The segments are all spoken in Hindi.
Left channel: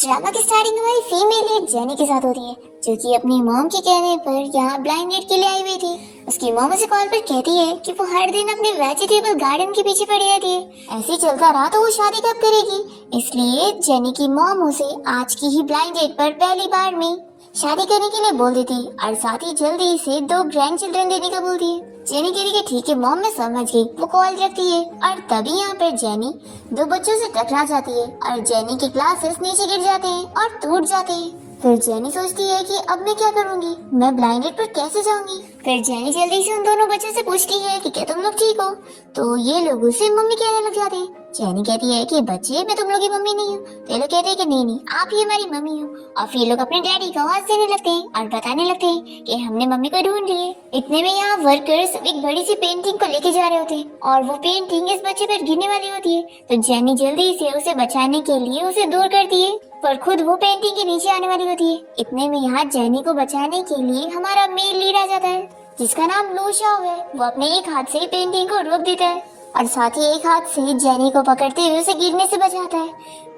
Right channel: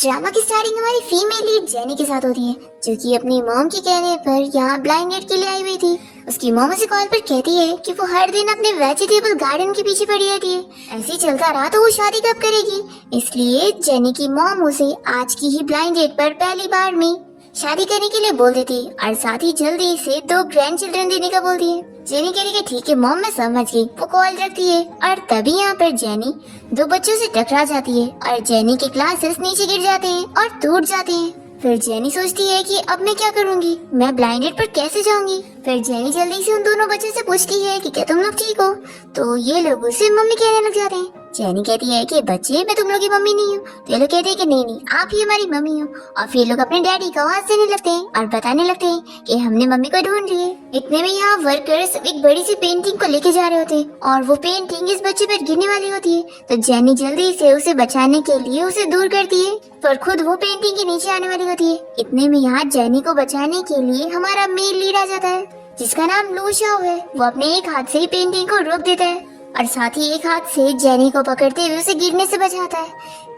ड्रामा की स्टार्टिंग हमारी फीमेल लीड जेनी के साथ होती है, जो कि अपनी मॉम के कहने पर यहाँ ब्लाइंड डेट के लिए आई हुई थी। उसकी मॉम उसे कॉल पर कहती है कि वो हर दिन अपने वेजिटेबल गार्डन के पीछे पड़ी रहती है। ऐसे ही चलता रहा तो वो शादी कब करेगी। इसलिए जेनी की मॉम उसे आज की ही ब्लाइंड डेट पर पहली बार में शादी करने के लिए बोल देती है और साथ ही जल्दी से 2 ग्रैंड चिल्ड्रन देने का बोलती है। जेनी कह रही है ठीक है मॉम, मैं समझ गई। वो कॉल रखती है और तभी यहाँ पर जेनी 2 बच्चों से टकरा जाती है और जेनी के ग्लासेस नीचे गिर जाते हैं और टूट जाते हैं। फिर जेनी सोचती है कि अब मैं क्या करूँगी, मैं ब्लाइंडेड पर कैसे जाऊंगी। फिर जेनी जल्दी से उन दोनों बच्चों से पूछती है कि क्या तुम लोग ठीक हो, तो ये लोग उसे मम्मी कहने लग जाते हैं। जेनी कहती है कि बच्चे, मैं तुम लोग की मम्मी नहीं हूँ। तो ये लोग कहते हैं कि नहीं, आप ही हमारी मम्मी हो। और फिर लोग अपने डैडी का आवाज देने लगते हैं और बताने लगते हैं कि हमने मम्मी को ढूंढ रही है। इतने में यहाँ वर्कर्स एक बड़ी सी पेंटिंग को लेके जा रहे होते हैं और वो पेंटिंग इस बच्चे पर गिरने वाली होती है। तो जेनी जल्दी से उसे बचाने के लिए उसे दूर करती है, पर खुद वो पेंटिंग के नीचे आने वाली होती है। इतने में यहाँ जेनी को बचाने के लिए हमारा मेल लीड आ जाता है, जिसका नाम लू शाओ है। वो अपने एक हाथ से ही पेंटिंग को रोक देता है और साथ ही एक हाथ से जेनी को पकड़ते हुए उसे गिरने से बचाता है।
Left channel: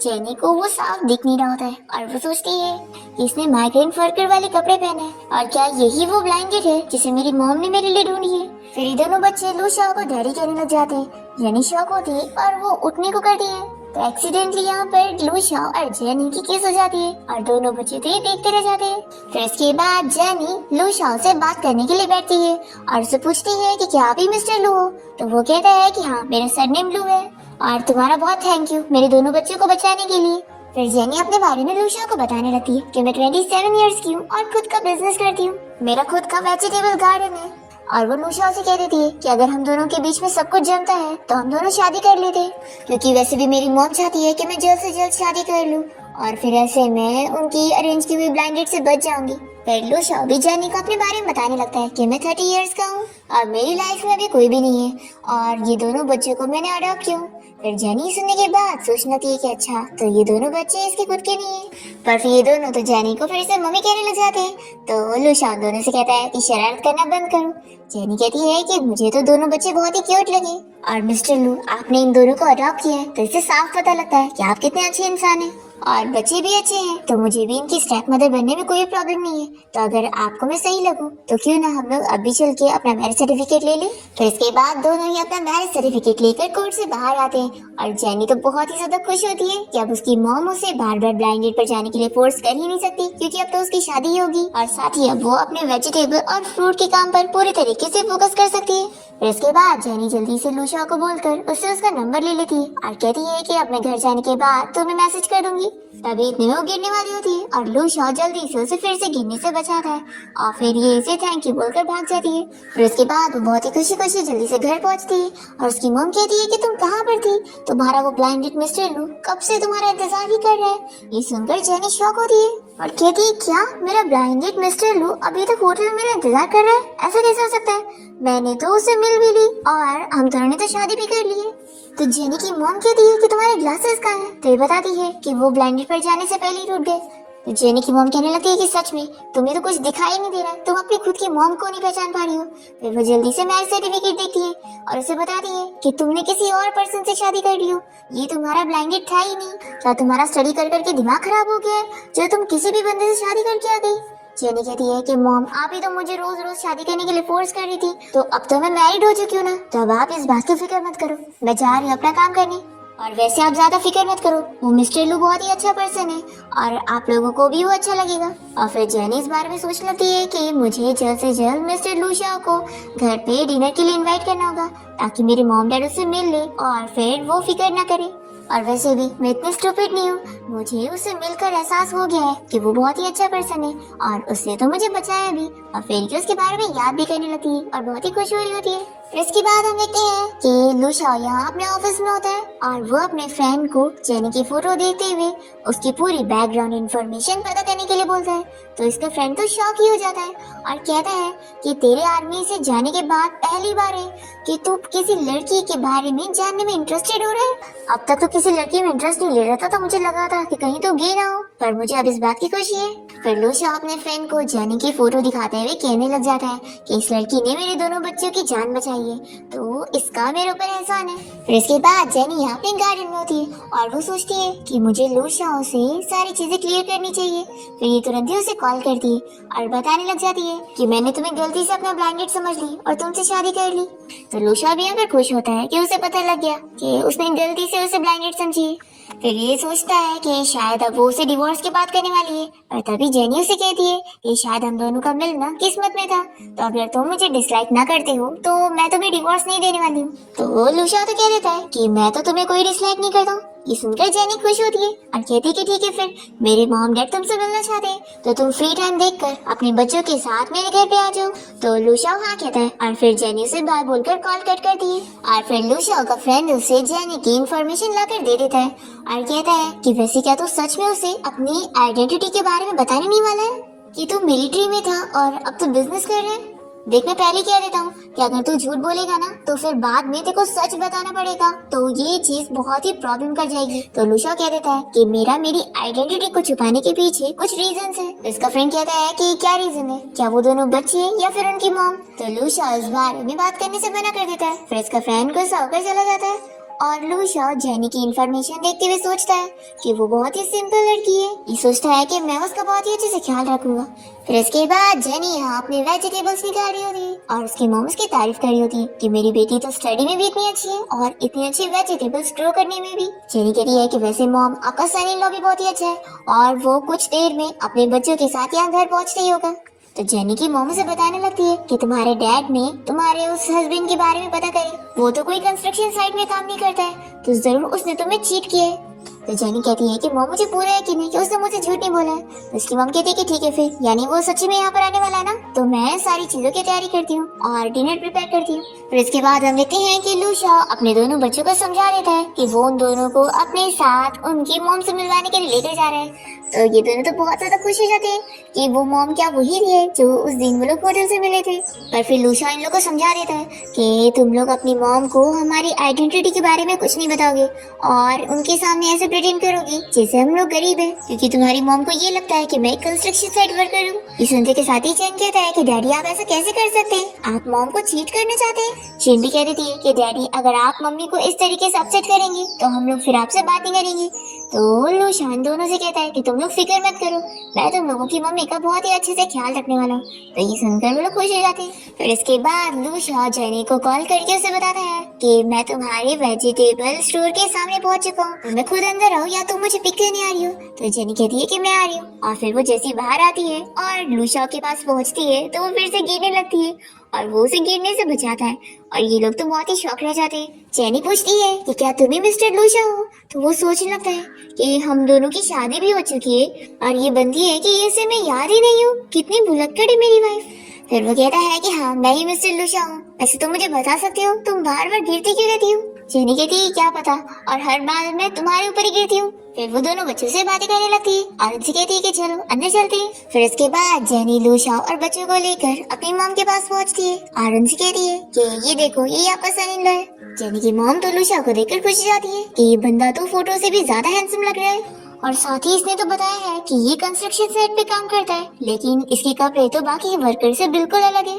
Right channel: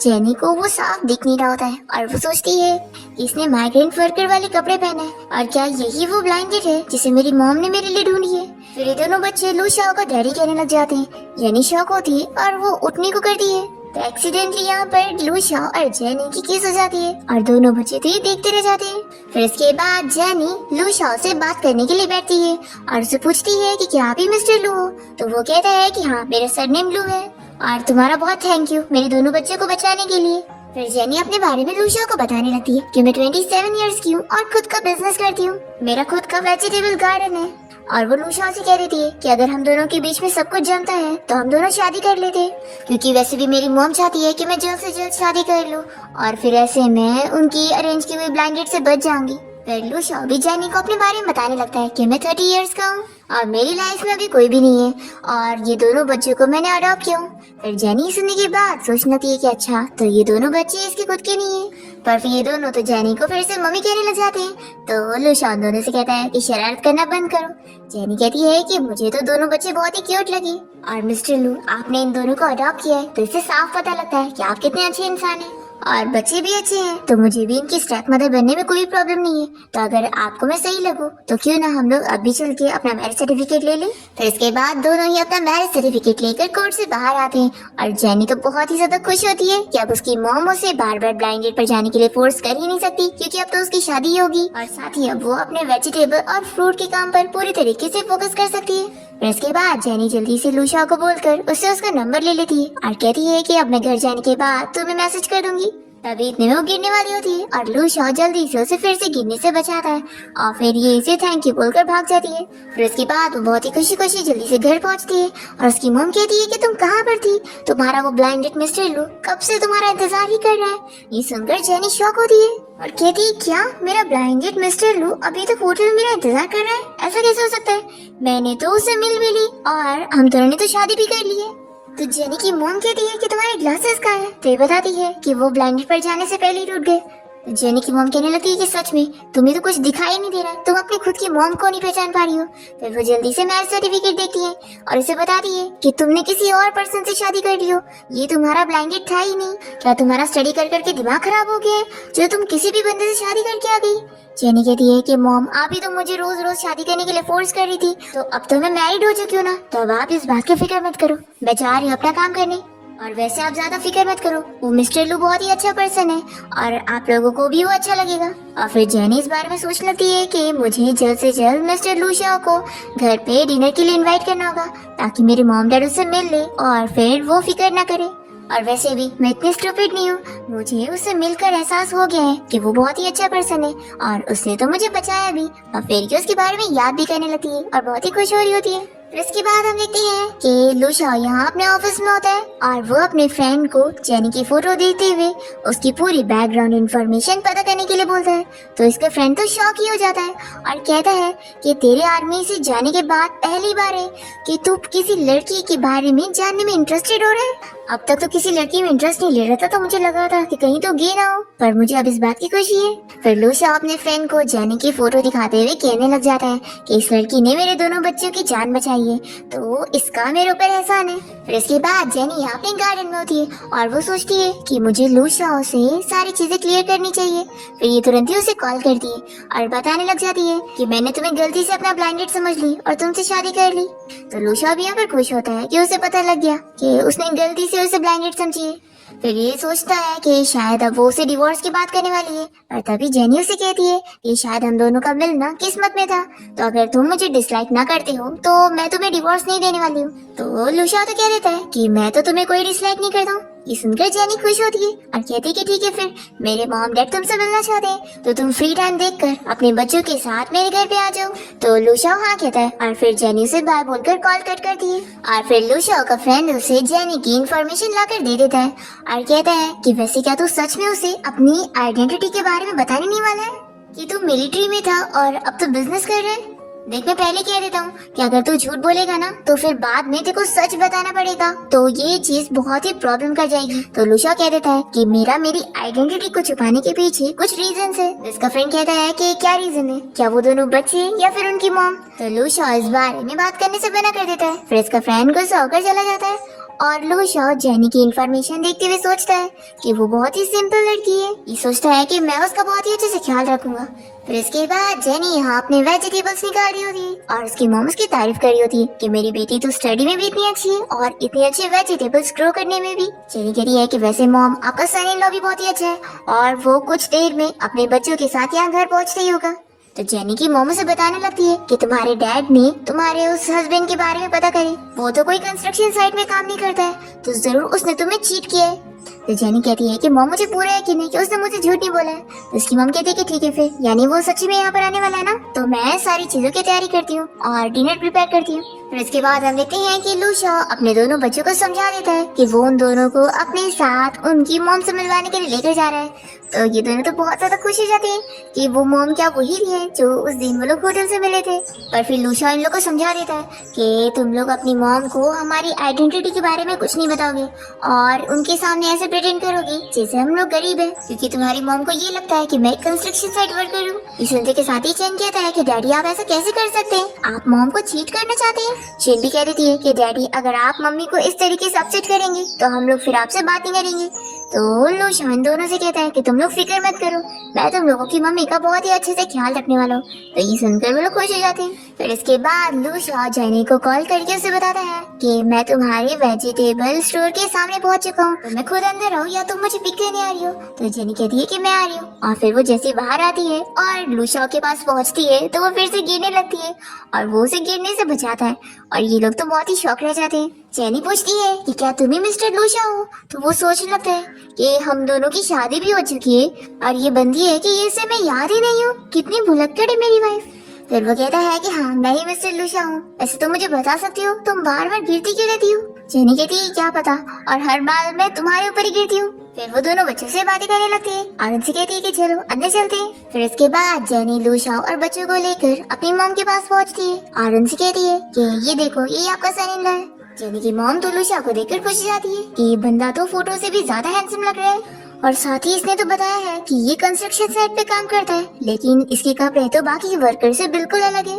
जेनी को वो साफ दिख नहीं रहा होता है और वो सोचती है कि इसने माइग्रेंट वर्कर वाले कपड़े पहने हैं और क्या यही वो ब्लाइंडेड है जिसे मेरी मॉम ने मेरे लिए ढूंढी है। फिर ये दोनों बच्चे लू शाओ को डैडी कहने लग जाते हैं। जेनी शॉक होती है और वो उठने को करती है, तो एक्सीडेंटली यहाँ पर लू शाओ और जेनी की किस हो जाती है और दोनों बच्चे तो ये देखते रह जाते हैं। फिर इसके बाद जेनी लू शाओ से बात करने के लिए बैठती है और उसे पूछती है कि क्या आप ही मिस्टर लू हो। तो वो कहता है कि हाँ, मेरा सरनेम लू है और तुम्हारा बहुत थैंक यू मेरे दोनों बच्चों को बचाने के लिए। फिर जेनी अपने बारे में लू शाओ को बताने लगती है कि मैं 27 इयर्स की हूँ और खुद का बिजनेस करती हूँ। मेरा खुद का वेजिटेबल गार्डन है। और वो लू शाओ से कह देती है कि अगर हम दोनों के बीच में सब कुछ जमता है तो हम दोनों शादी कर लेते, क्योंकि वैसे भी मेरी मॉम चाहती है कि मैं जल्द से जल्द शादी कर लूं और फिर ऐसे मैं उनकी अरेंज की हुई ब्लाइंड डेट से बच जाऊंगी। फिर लू शाओ भी जेनी को अपने बारे में बताने लगता है कि मैं 30 इयर्स का हूँ और मेरी लाइफ में अभी कोई भी नहीं है और ये दोनों बच्चों को मैंने अडॉप्ट किया। फिर जेनी सुनने के बाद सोचने लगती है कि अच्छा, तो ये दोनों बच्चे इसके खुद के नहीं है। पर फिर ये दोनों तो जेनी को फिर से मम्मी कहने लग जाते हैं। तो लू शाओ दोनों से कहता है कि शरारत करना बंद करो। जेनी कहती है कि मुझे तो दोनों बच्चे बहुत ही क्यूट लगे और मिस्टर लू, आपने इन दोनों को अडॉप्ट किया है तो इससे साफ पता लगता है कि आप कितने अच्छे इंसान हैं और बच्चे भी अच्छे हैं, तो मुझे भी इनकी स्टेप मदर बनने में कोई प्रॉब्लम नहीं है। तो अगर आपको मैं सही लगूं तो क्यों ना हम लोग अभी चल के अपना मैरिज सर्टिफिकेट ले लें। फिर इसके बाद दोनों ही अपना मैरिज सर्टिफिकेट लेकर कोर्ट से बाहर आते हैं और जेनी तो बहुत ही ज्यादा खुश होती है कि अब उसकी मॉम उसे बार बार ब्लाइंड डेट पर जाने के लिए फोर्स कर ही नहीं सकती, क्योंकि अब तो उसकी शादी होगी और साथ ही अब वो अपने वेजिटेबल और फ्रूट के काम पर पूरी तरीके से फोकस कर सकती है। फिर इसके बाद जेनी जल्दी से लू शाओ को बोलकर उससे उसका नंबर ले लेती है और कहती है कि अब मैं घर जाने के बाद तुम्हें मैसेज कर दूंगी। तभी इतने में वो गिरने वाली होती है और लू शाओ जल्दी से उसे फिर से गिरने से बचाता है और फिर ये इसे थैंक यू बोलकर भाग जाती है। फिर उसके बाद वो बहुत ही खुशी खुशी जल्दी से घर पहुंचती है और उसकी मॉम कहती है कि तुम कहाँ पर थी, तुम्हारा वो ब्लाइंडेड मिस्टर लू कब से तुम्हारा इंतजार ही कर रहा है। ये सुनकर जेनी शॉक होती है और कहती है क्या मेरा ब्लाइंडेड मिस्टर लू अभी तक होटल में मेरा इंतजार कर रहा है, ऐसा कैसे हो सकता है। मैंने तो उसे मिल भी ली और हम दोनों ने तो शादी भी कर ली है। तो जेनी की मॉम कहती है कि तुम्हारे ग्लासेस कहाँ हैं, तो ये बताती है कि वो ब्लाइंडेड पर जाने से पहले ही टूट गए। तो जेनी की मॉम कहने लगती है कि सच में तुम्हें तो कुछ दिखाई नहीं दे रहा, तुम अपनी खुद की मॉम को नहीं पहचान पा रही हो। फिर वो जल्दी से मैरिज सर्टिफिकेट देती है और उसे बताती है कि तुमने किसी और पर्सन से शादी कर ली हो, ये तुम्हारा ब्लाइंडेड था ही नहीं। क्या तुम्हारा स्टडी कर करके दिमाग खराब हो गया है जो तुम किसी भी बंदे से शादी करके आ गई। जेनी कहती है कि मॉम, आप ही तो मुझे रोज रोज शादी करने के लिए फोर्स कर रही थी, तो अब तो मैं मैरिड हो चुकी हूँ ना, तो अब आप इस बात का फिक्र मत करो, मैं जा रही हूँ अपना काम करने। और वैसे आप ज्यादा फिक्र मत करो, वो मिस्टर लू बहुत ही अच्छा पर्सन है और आप लोगों को भी वो अच्छा लगेगा। और फिर जेनी इस बारे में सोचने लगती है कि मुझे जल्द से जल्द मिस्टर लू शाओ को घर पे डिनर के लिए इन्वाइट करना होगा, ताकि मेरे मॉम डैड उससे मिल ले और फिर वो फिक्र ना करे। और वैसे भी मैं इतनी स्टूपिड नहीं हूँ, मुझे उससे मिलकर एहसास हो गया है कि वो बहुत ही अच्छा पर्सन है और उसने तो मुझे बचाया भी और फिर उसके बारे में याद भी करने लगती है और बहुत ही खुश हो रही होती है। फिर इसके बाद हम देखते हैं कि लू शाओ यहाँ अपने ऑफिस में होता है और वो अपने फ्रेंड को जेनी की फोटो देखते हुए उसकी पूरी बैकग्राउंड इंफॉर्मेशन पता करने के लिए बोलता है। तो इसका फ्रेंड तो शॉक ही हो जाता है और कहता है कि तेरे आर्मी से जाने के बाद पहली बार है कि तू किसी लड़की के बारे में जानने में इंटरेस्टेड हो रहा है। अब तक तो किसी लड़की में इंटरेस्ट नहीं ले रहा था, तो मुझे लगा था था कि कहीं तो गे ना हो, पर मुझे अब इस बात की खुशी है। फिर लूशा अपने फ्रेंड को जेनी की फोटो दिखाते हुए कहने लग जाता है कि इस लड़की ने मेरे दोनों बच्चों की जान बचाई है, तो इसका मेरे ऊपर एहसान है। फिर इसके बाद जेनी यहाँ पे गार्डन में होती है और वो सोचती है कि मुझे लूशा से सारी चीजें क्लियर करनी चाहिए। फिर ये तुरंत ही उसे कॉल करती है और बताने लग जाती है कि मैंने तुम्हें गलती से अपना ब्लाइंड डेट समझ ली और तुमसे शादी कर ली। तो लूशा भी यहाँ पर खुश होता है कि उसे पता लग गया कि उसने गलती से उसे ब्लाइंड डेट समझी है। फिर ये सोचता है कि शायद अब वो उसे डिवोर्स की बात करने वाली है, और तभी जेनी उसे कहती है कि शायद हम दोनों का मिलना किस्मत में था, तो अगर तुम मुझे डिसलाइक ना करते हो तो मैं तुम्हें डिवोर्स नहीं देने वाली हूँ। तो लूशा तो कह देता है कि मैं तो तुम्हें कोई डिसलाइक नहीं करता हूँ। ये सुनकर जेनी खुश होती है और कहती है कि ठीक है, फिर मेरे मॉम डैड तुमसे मिलना चाहते हैं तो तुम फ्री टाइम देखकर अपने बच्चों के साथ मेरे घर पे आ जाओ। तो लूशा हाँ कहता है और फिर जेनी उसे बाय बोलकर कॉल कट करती है। और फिर लूशा का फ्रेंड उसे जेनी की इंफॉर्मेशन लाकर दे देता है और कहता है कि वैसे क्या तू सच में उसे अपनी आइडेंटिटी के बारे में बताने नहीं वाला है कि तू मिलिट्री में था और अब तो बिजनेस कर रहा है। देख, मैं पहले कह देता हूँ कि अगर तू झूठ बोलेगा ना तो फिर बाद में तेरे को सच बताना पड़ेगा, तो ये चीज बहुत ही प्रॉब्लम कर जाएगी। तो लूशा कह देता है कि मेरी आइडेंटिटी को छुपाने के पीछे कुछ रीजन है। इसका फ्रेंड कहता है कि क्या रीजन है, क्या वो दोनों बच्चे या फिर उनकी मॉम। तो लूशा इस बारे में बात करने से मना कर देता है। फिर इसका फ्रेंड गुस्सा होकर चला जाता है और लूशा जेनी की इन्फॉर्मेशन देखते हुए सोचता है कि वो बहुत ही सिंपल लड़की है। ये सोचता है कि मैं उसका बहुत ही अच्छे से ख्याल रखूंगा। फिर इसके बाद जेनी यहाँ अपने वेजिटेबल्स निकाल रही होती है और उसकी मॉम उसकी तारीफ कर रही होती है कि मेरी बेटी तो स्टडी में भी इतनी अच्छी है और इतनी अच्छी वेजिटेबल्स ग्रो करने में भी। जेनी कहती है कि वैसे मॉम, आपका सन इन लॉ भी बहुत ही अच्छा है और वो कुछ देर में अपने बच्चों के साथ यहाँ घर पहुँचते ही होगा। तो जेनी की मॉम से बताने लगती है कि तुम्हारे डैड ने तुम्हारे उस हस्बैंड के बारे में पता करे, वो तो कोई कंस्ट्रक्शन साइट में काम नहीं करता है, तो जरूर उसने तुम्हें चीट किया है। तो जेनी कहती है कि मॉम, मुझे पूरा यकीन है कि उसने मुझे झूठ नहीं बोला है। तो उसकी मॉम कहती है कि ठीक है, फिर यानी वो सच्ची में यहाँ पर आने वाला है ना, तो मैं सारी चीजों की तैयारी करती हूँ और डिनर प्रिपेयर करती हूँ। फिर इसके बाद हम देखते हैं कि लूशा अपने दोनों बच्चों को समझा देता है कि वो उन दोनों को अपने साथ उनकी मॉम से मिलवाने के लिए लेकर जा रहा है। तो ये दोनों तो बहुत ज्यादा खुश हो जाते हैं कि वो मॉम क्या वही है जो उस दिन वो लोग होटल से मिले थे। पर फिर लूशा इन लोग को समझा देता है कि तुम लोग अपनी मॉम को हमारी आइडेंटिटी के बारे में कुछ नहीं बताओगे और उनके सामने ऐसे प्रिटेंड करोगे जैसे हम लोग गरीब हैं, क्योंकि तुम्हारी मॉम को ये लगता है कि मैं एक कंस्ट्रक्शन साइट वर्कर हूँ। ये सुनते के साथ ही चैन कहता है कि डैडी, आप ऐसा कैसे कर सकते हैं, आप मॉम को चीट करना चाहते हैं। चैन भी कह देती है कि डैडी, अगर आप मम्मी को इस तरीके से अपसेट करेंगे तो हम लोग फिर आपसे बात नहीं करेंगे। तो लूशा इन दोनों से कहता है कि तुम लोग फिक्र मत करो, मैं तुम लोगों की मम्मी का बहुत ही अच्छे से ख्याल रखने वाला हूँ। तो ये सुनकर वो लोग खुश हो जाते हैं। फिर इसके बाद लूशा जेनी को कॉल करके उसे बताता है कि मैं तुम्हारे वेजिटेबल स्टोर के सामने पहुंच चुका हूँ, मैं खुद अंदर आऊँ या तुम मुझे पिक करने आ रही हो। तो जेनी कहती है कि मैं आ रही हूँ और फिर वो जैसे बाहर आती है और लूशा के पास पहुंचती है तो वो फिर से गिरने लगती है और वो उसे गिरने से बचाता है और ये लोग तो बहुत ही शौक रह जाते हैं। जेनी पूछती है कि क्या तुम ही मिस्टर लूशा हो, तो वो सोचने लगता है कि हम दोनों की शादी भी हो चुकी है और ये बंदी है कि इसे मैं याद ही नहीं हूँ, कितनी भुलक्कड़ है मेरी वाइफ। फिर वो कहता है कि हाँ, मैं ही मिस्टर लूशा हूँ, ऐसे तुम मुझे बता सकते हो तुम बार बार गिरती क्यों रहती हो। जेनी कहती है क्या पता, और हर बार मैं तुम्हारे ऊपर ही गिरती हूँ। फिर वो दोनों बच्चों से बातें करने लगती है और उनसे कहती है कि चलो अंदर चलते हैं। फिर इसके बाद जेनी लूशा और बच्चों को लेकर अपनी मॉम के पास पहुंचती है और उनसे कहती है कि ये देखो, ये आपका सन इन लॉ है। जेनी की मॉम तो लूशा को देखकर खुश हो जाती है कि ये बंदा तो फोटो से भी ज्यादा हैंडसम लग रहा है और साथ ही इसने तो बताया है कि ये कंस्ट्रक्शन साइट पे काम करता है, लेकिन इसके कपड़े तो बाकी वर्कर से बिल्कुल अलग है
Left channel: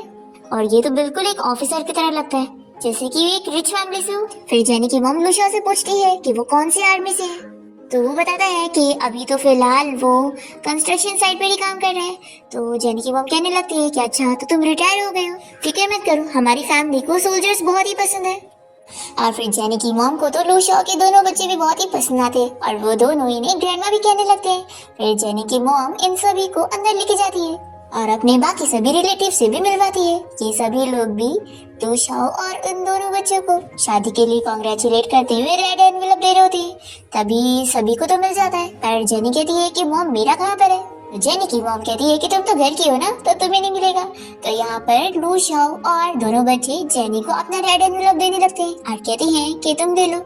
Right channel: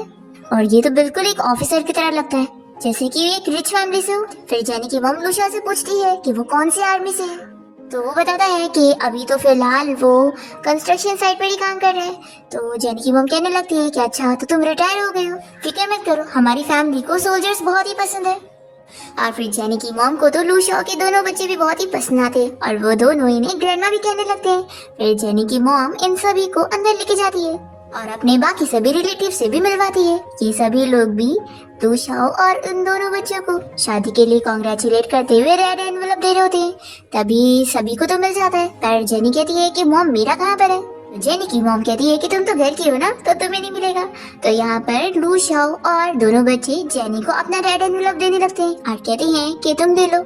और ये तो बिल्कुल एक ऑफिसर की तरह लगता है, जैसे कि ये एक रिच फैमिली से हो। फिर जेनी की मॉम लूशा से पूछती है कि वो कौन सी आर्मी से है, तो वो बताता है कि अभी तो फिलहाल वो कंस्ट्रक्शन साइट पर ही काम कर रहे हैं। तो जेनी की मॉम कहने लगती है कि अच्छा, तो तुम रिटायर हो गए हो, फिक्र मत करो, हमारी फैमिली को सोल्जर्स बहुत ही पसंद है। और फिर जेनी की मॉम को तो लूशा के दोनों बच्चे भी बहुत ही पसंद आते और वो दोनों इन्हें ग्रैंडमा भी कहने लगते हैं। फिर जेनी की मॉम इन सभी को अंदर लेके जाती है और अपने बाकी सभी रिलेटिव से भी मिलवाती है। ये सभी लोग भी लूशा और उन दोनों बच्चों को शादी के लिए कांग्रेचुलेट करते हुए रेड एनवेलप दे रहे होती है। तभी सभी को तो मिल जाता है, पर जेनी कहती है कि मॉम मेरा कहाँ पर है। जेनी की मॉम कहती है कि तुम तो घर की हो ना, तो तुम्हें नहीं मिलेगा। तो यहाँ पर लूशा और दोनों बच्चे जेनी को अपना रेड एनवेलप देने लगते हैं और कहते हैं कि तुम दे लो।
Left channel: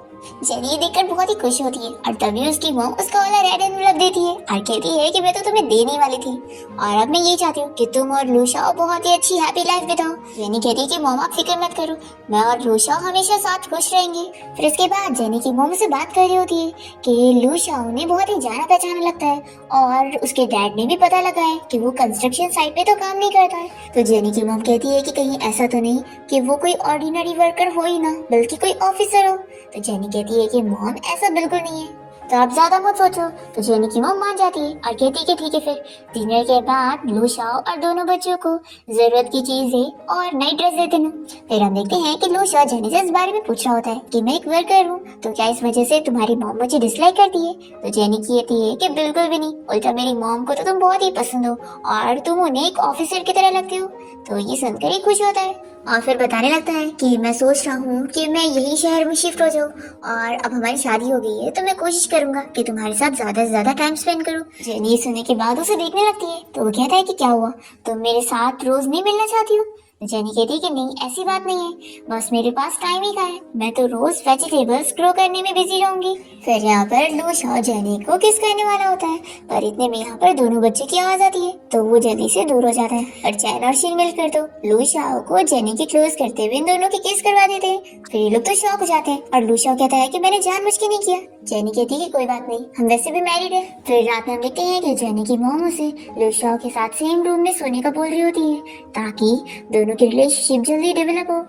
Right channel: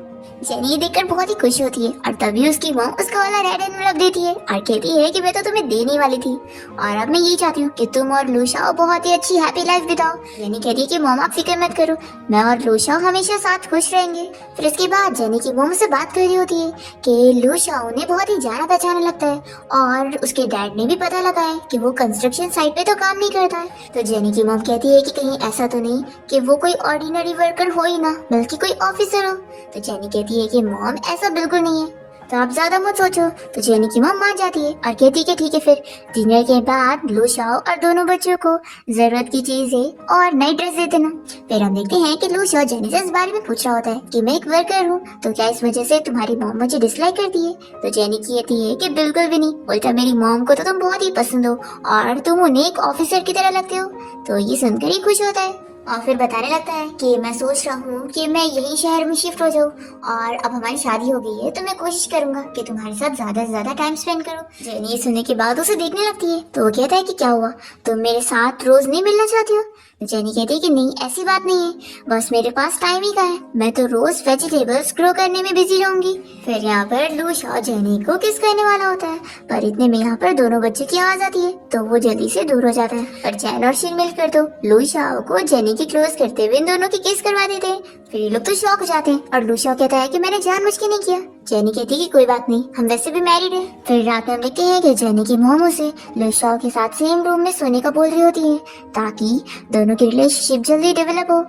जेनी ये देखकर बहुत ही खुश होती है और तभी उसकी मॉम उसका वाला रेड एनवलप देती है और कहती है कि मैं तो तुम्हें देने वाली थी और अब मैं ये चाहती हूँ कि तुम और लूशाओ बहुत ही अच्छी हैप्पी लाइफ बिताओ। जेनी कहती है कि मॉम आप फिक्र मत करो, मैं और लूशाओ हमेशा साथ खुश रहेंगे। फिर इसके बाद जेनी की मॉम से बात कर रही होती है कि लूशाओ ने बहुत ही जाना पहचाना लगता है और उसके डैड ने भी पता लगा है कि वो कंस्ट्रक्शन साइट पे तो काम नहीं करता है। तो जेनी की मॉम कहती है कि कहीं ऐसा तो नहीं कि वो कोई ऑर्डिनरी वर्कर हो ही ना बल्कि कोई ऑफिसर हो। तो जेनी कहती है कि मॉम ऐसा बिल्कुल नहीं है, तो आप ज्यादा मत सोचो। तो जेनी की मॉम मान जाती है और कहती है कि ठीक है। फिर डिनर के बाद लूशाओ और दोनों बच्चों को जरूरत की चीजें और नई ड्रेस दे देना। फिर हम देखते हैं कि लूशाओ जेनी से इस बारे में पूछ रहा होता है कि मैं एक वर्कर हूँ, तो क्या इस वजह से तुम्हारी मॉम मुझे डिसलाइक करती है? तो जेनी कहती है कि बिल्कुल भी नहीं, उल्टा मेरी मॉम को तो तुम बहुत ही पसंद हो और तुम उन्हें एक ऑफिसर की तरह लगते हो। तो ये सुनकर ही खुश होता है और फिर बताने लगता है कि मैं सोच रहा हूँ कि मैं यही शहर में शिफ्ट हो जाऊँ और अब हमारी शादी हो गई है तो मैं कोशिश करूंगा कि तुम्हारे साथ ज्यादा से ज्यादा टाइम स्पेंड करूँ। जेनी ये सुनने के बाद उसे देखने लगती है तो वो कहता है कि क्या हुआ, तुम मेरे साथ रोज नहीं मिलना चाहती हो? जेनी कहती है कि नहीं, ऐसी बात नहीं है, बस मेरे पास टाइम ही का है, मैं तो रोज वेजिटेबल्स ग्रो करने में बिजी रहूंगी। फिर यहाँ पर लूशाओ जेनी को किस करने वाला होता है पर इतने में यहाँ पर दोनों बच्चों की आवाज आती है तो वो जल्दी से दूर हो जाता है और जैन और शिन मिलकर तो लूशाओ को जेनी की क्लोज करते हुए इन दोनों की किस करवा देते हैं। फिर ये लोग तो शॉक हो जाते हैं और लूशाओ कहता है कि मैंने जानबूझ के नहीं किया। जेनी कहती है कि कोई बात नहीं, हम वैसे भी मैरिड है। फिर रात में हम देखते हैं कि जेनी की मॉम उसे लूशाओ के साथ सेम रूम में सोने का बोल रही होती है ताकि दोनों की रिलेशनशिप जल्दी डेवलप हो।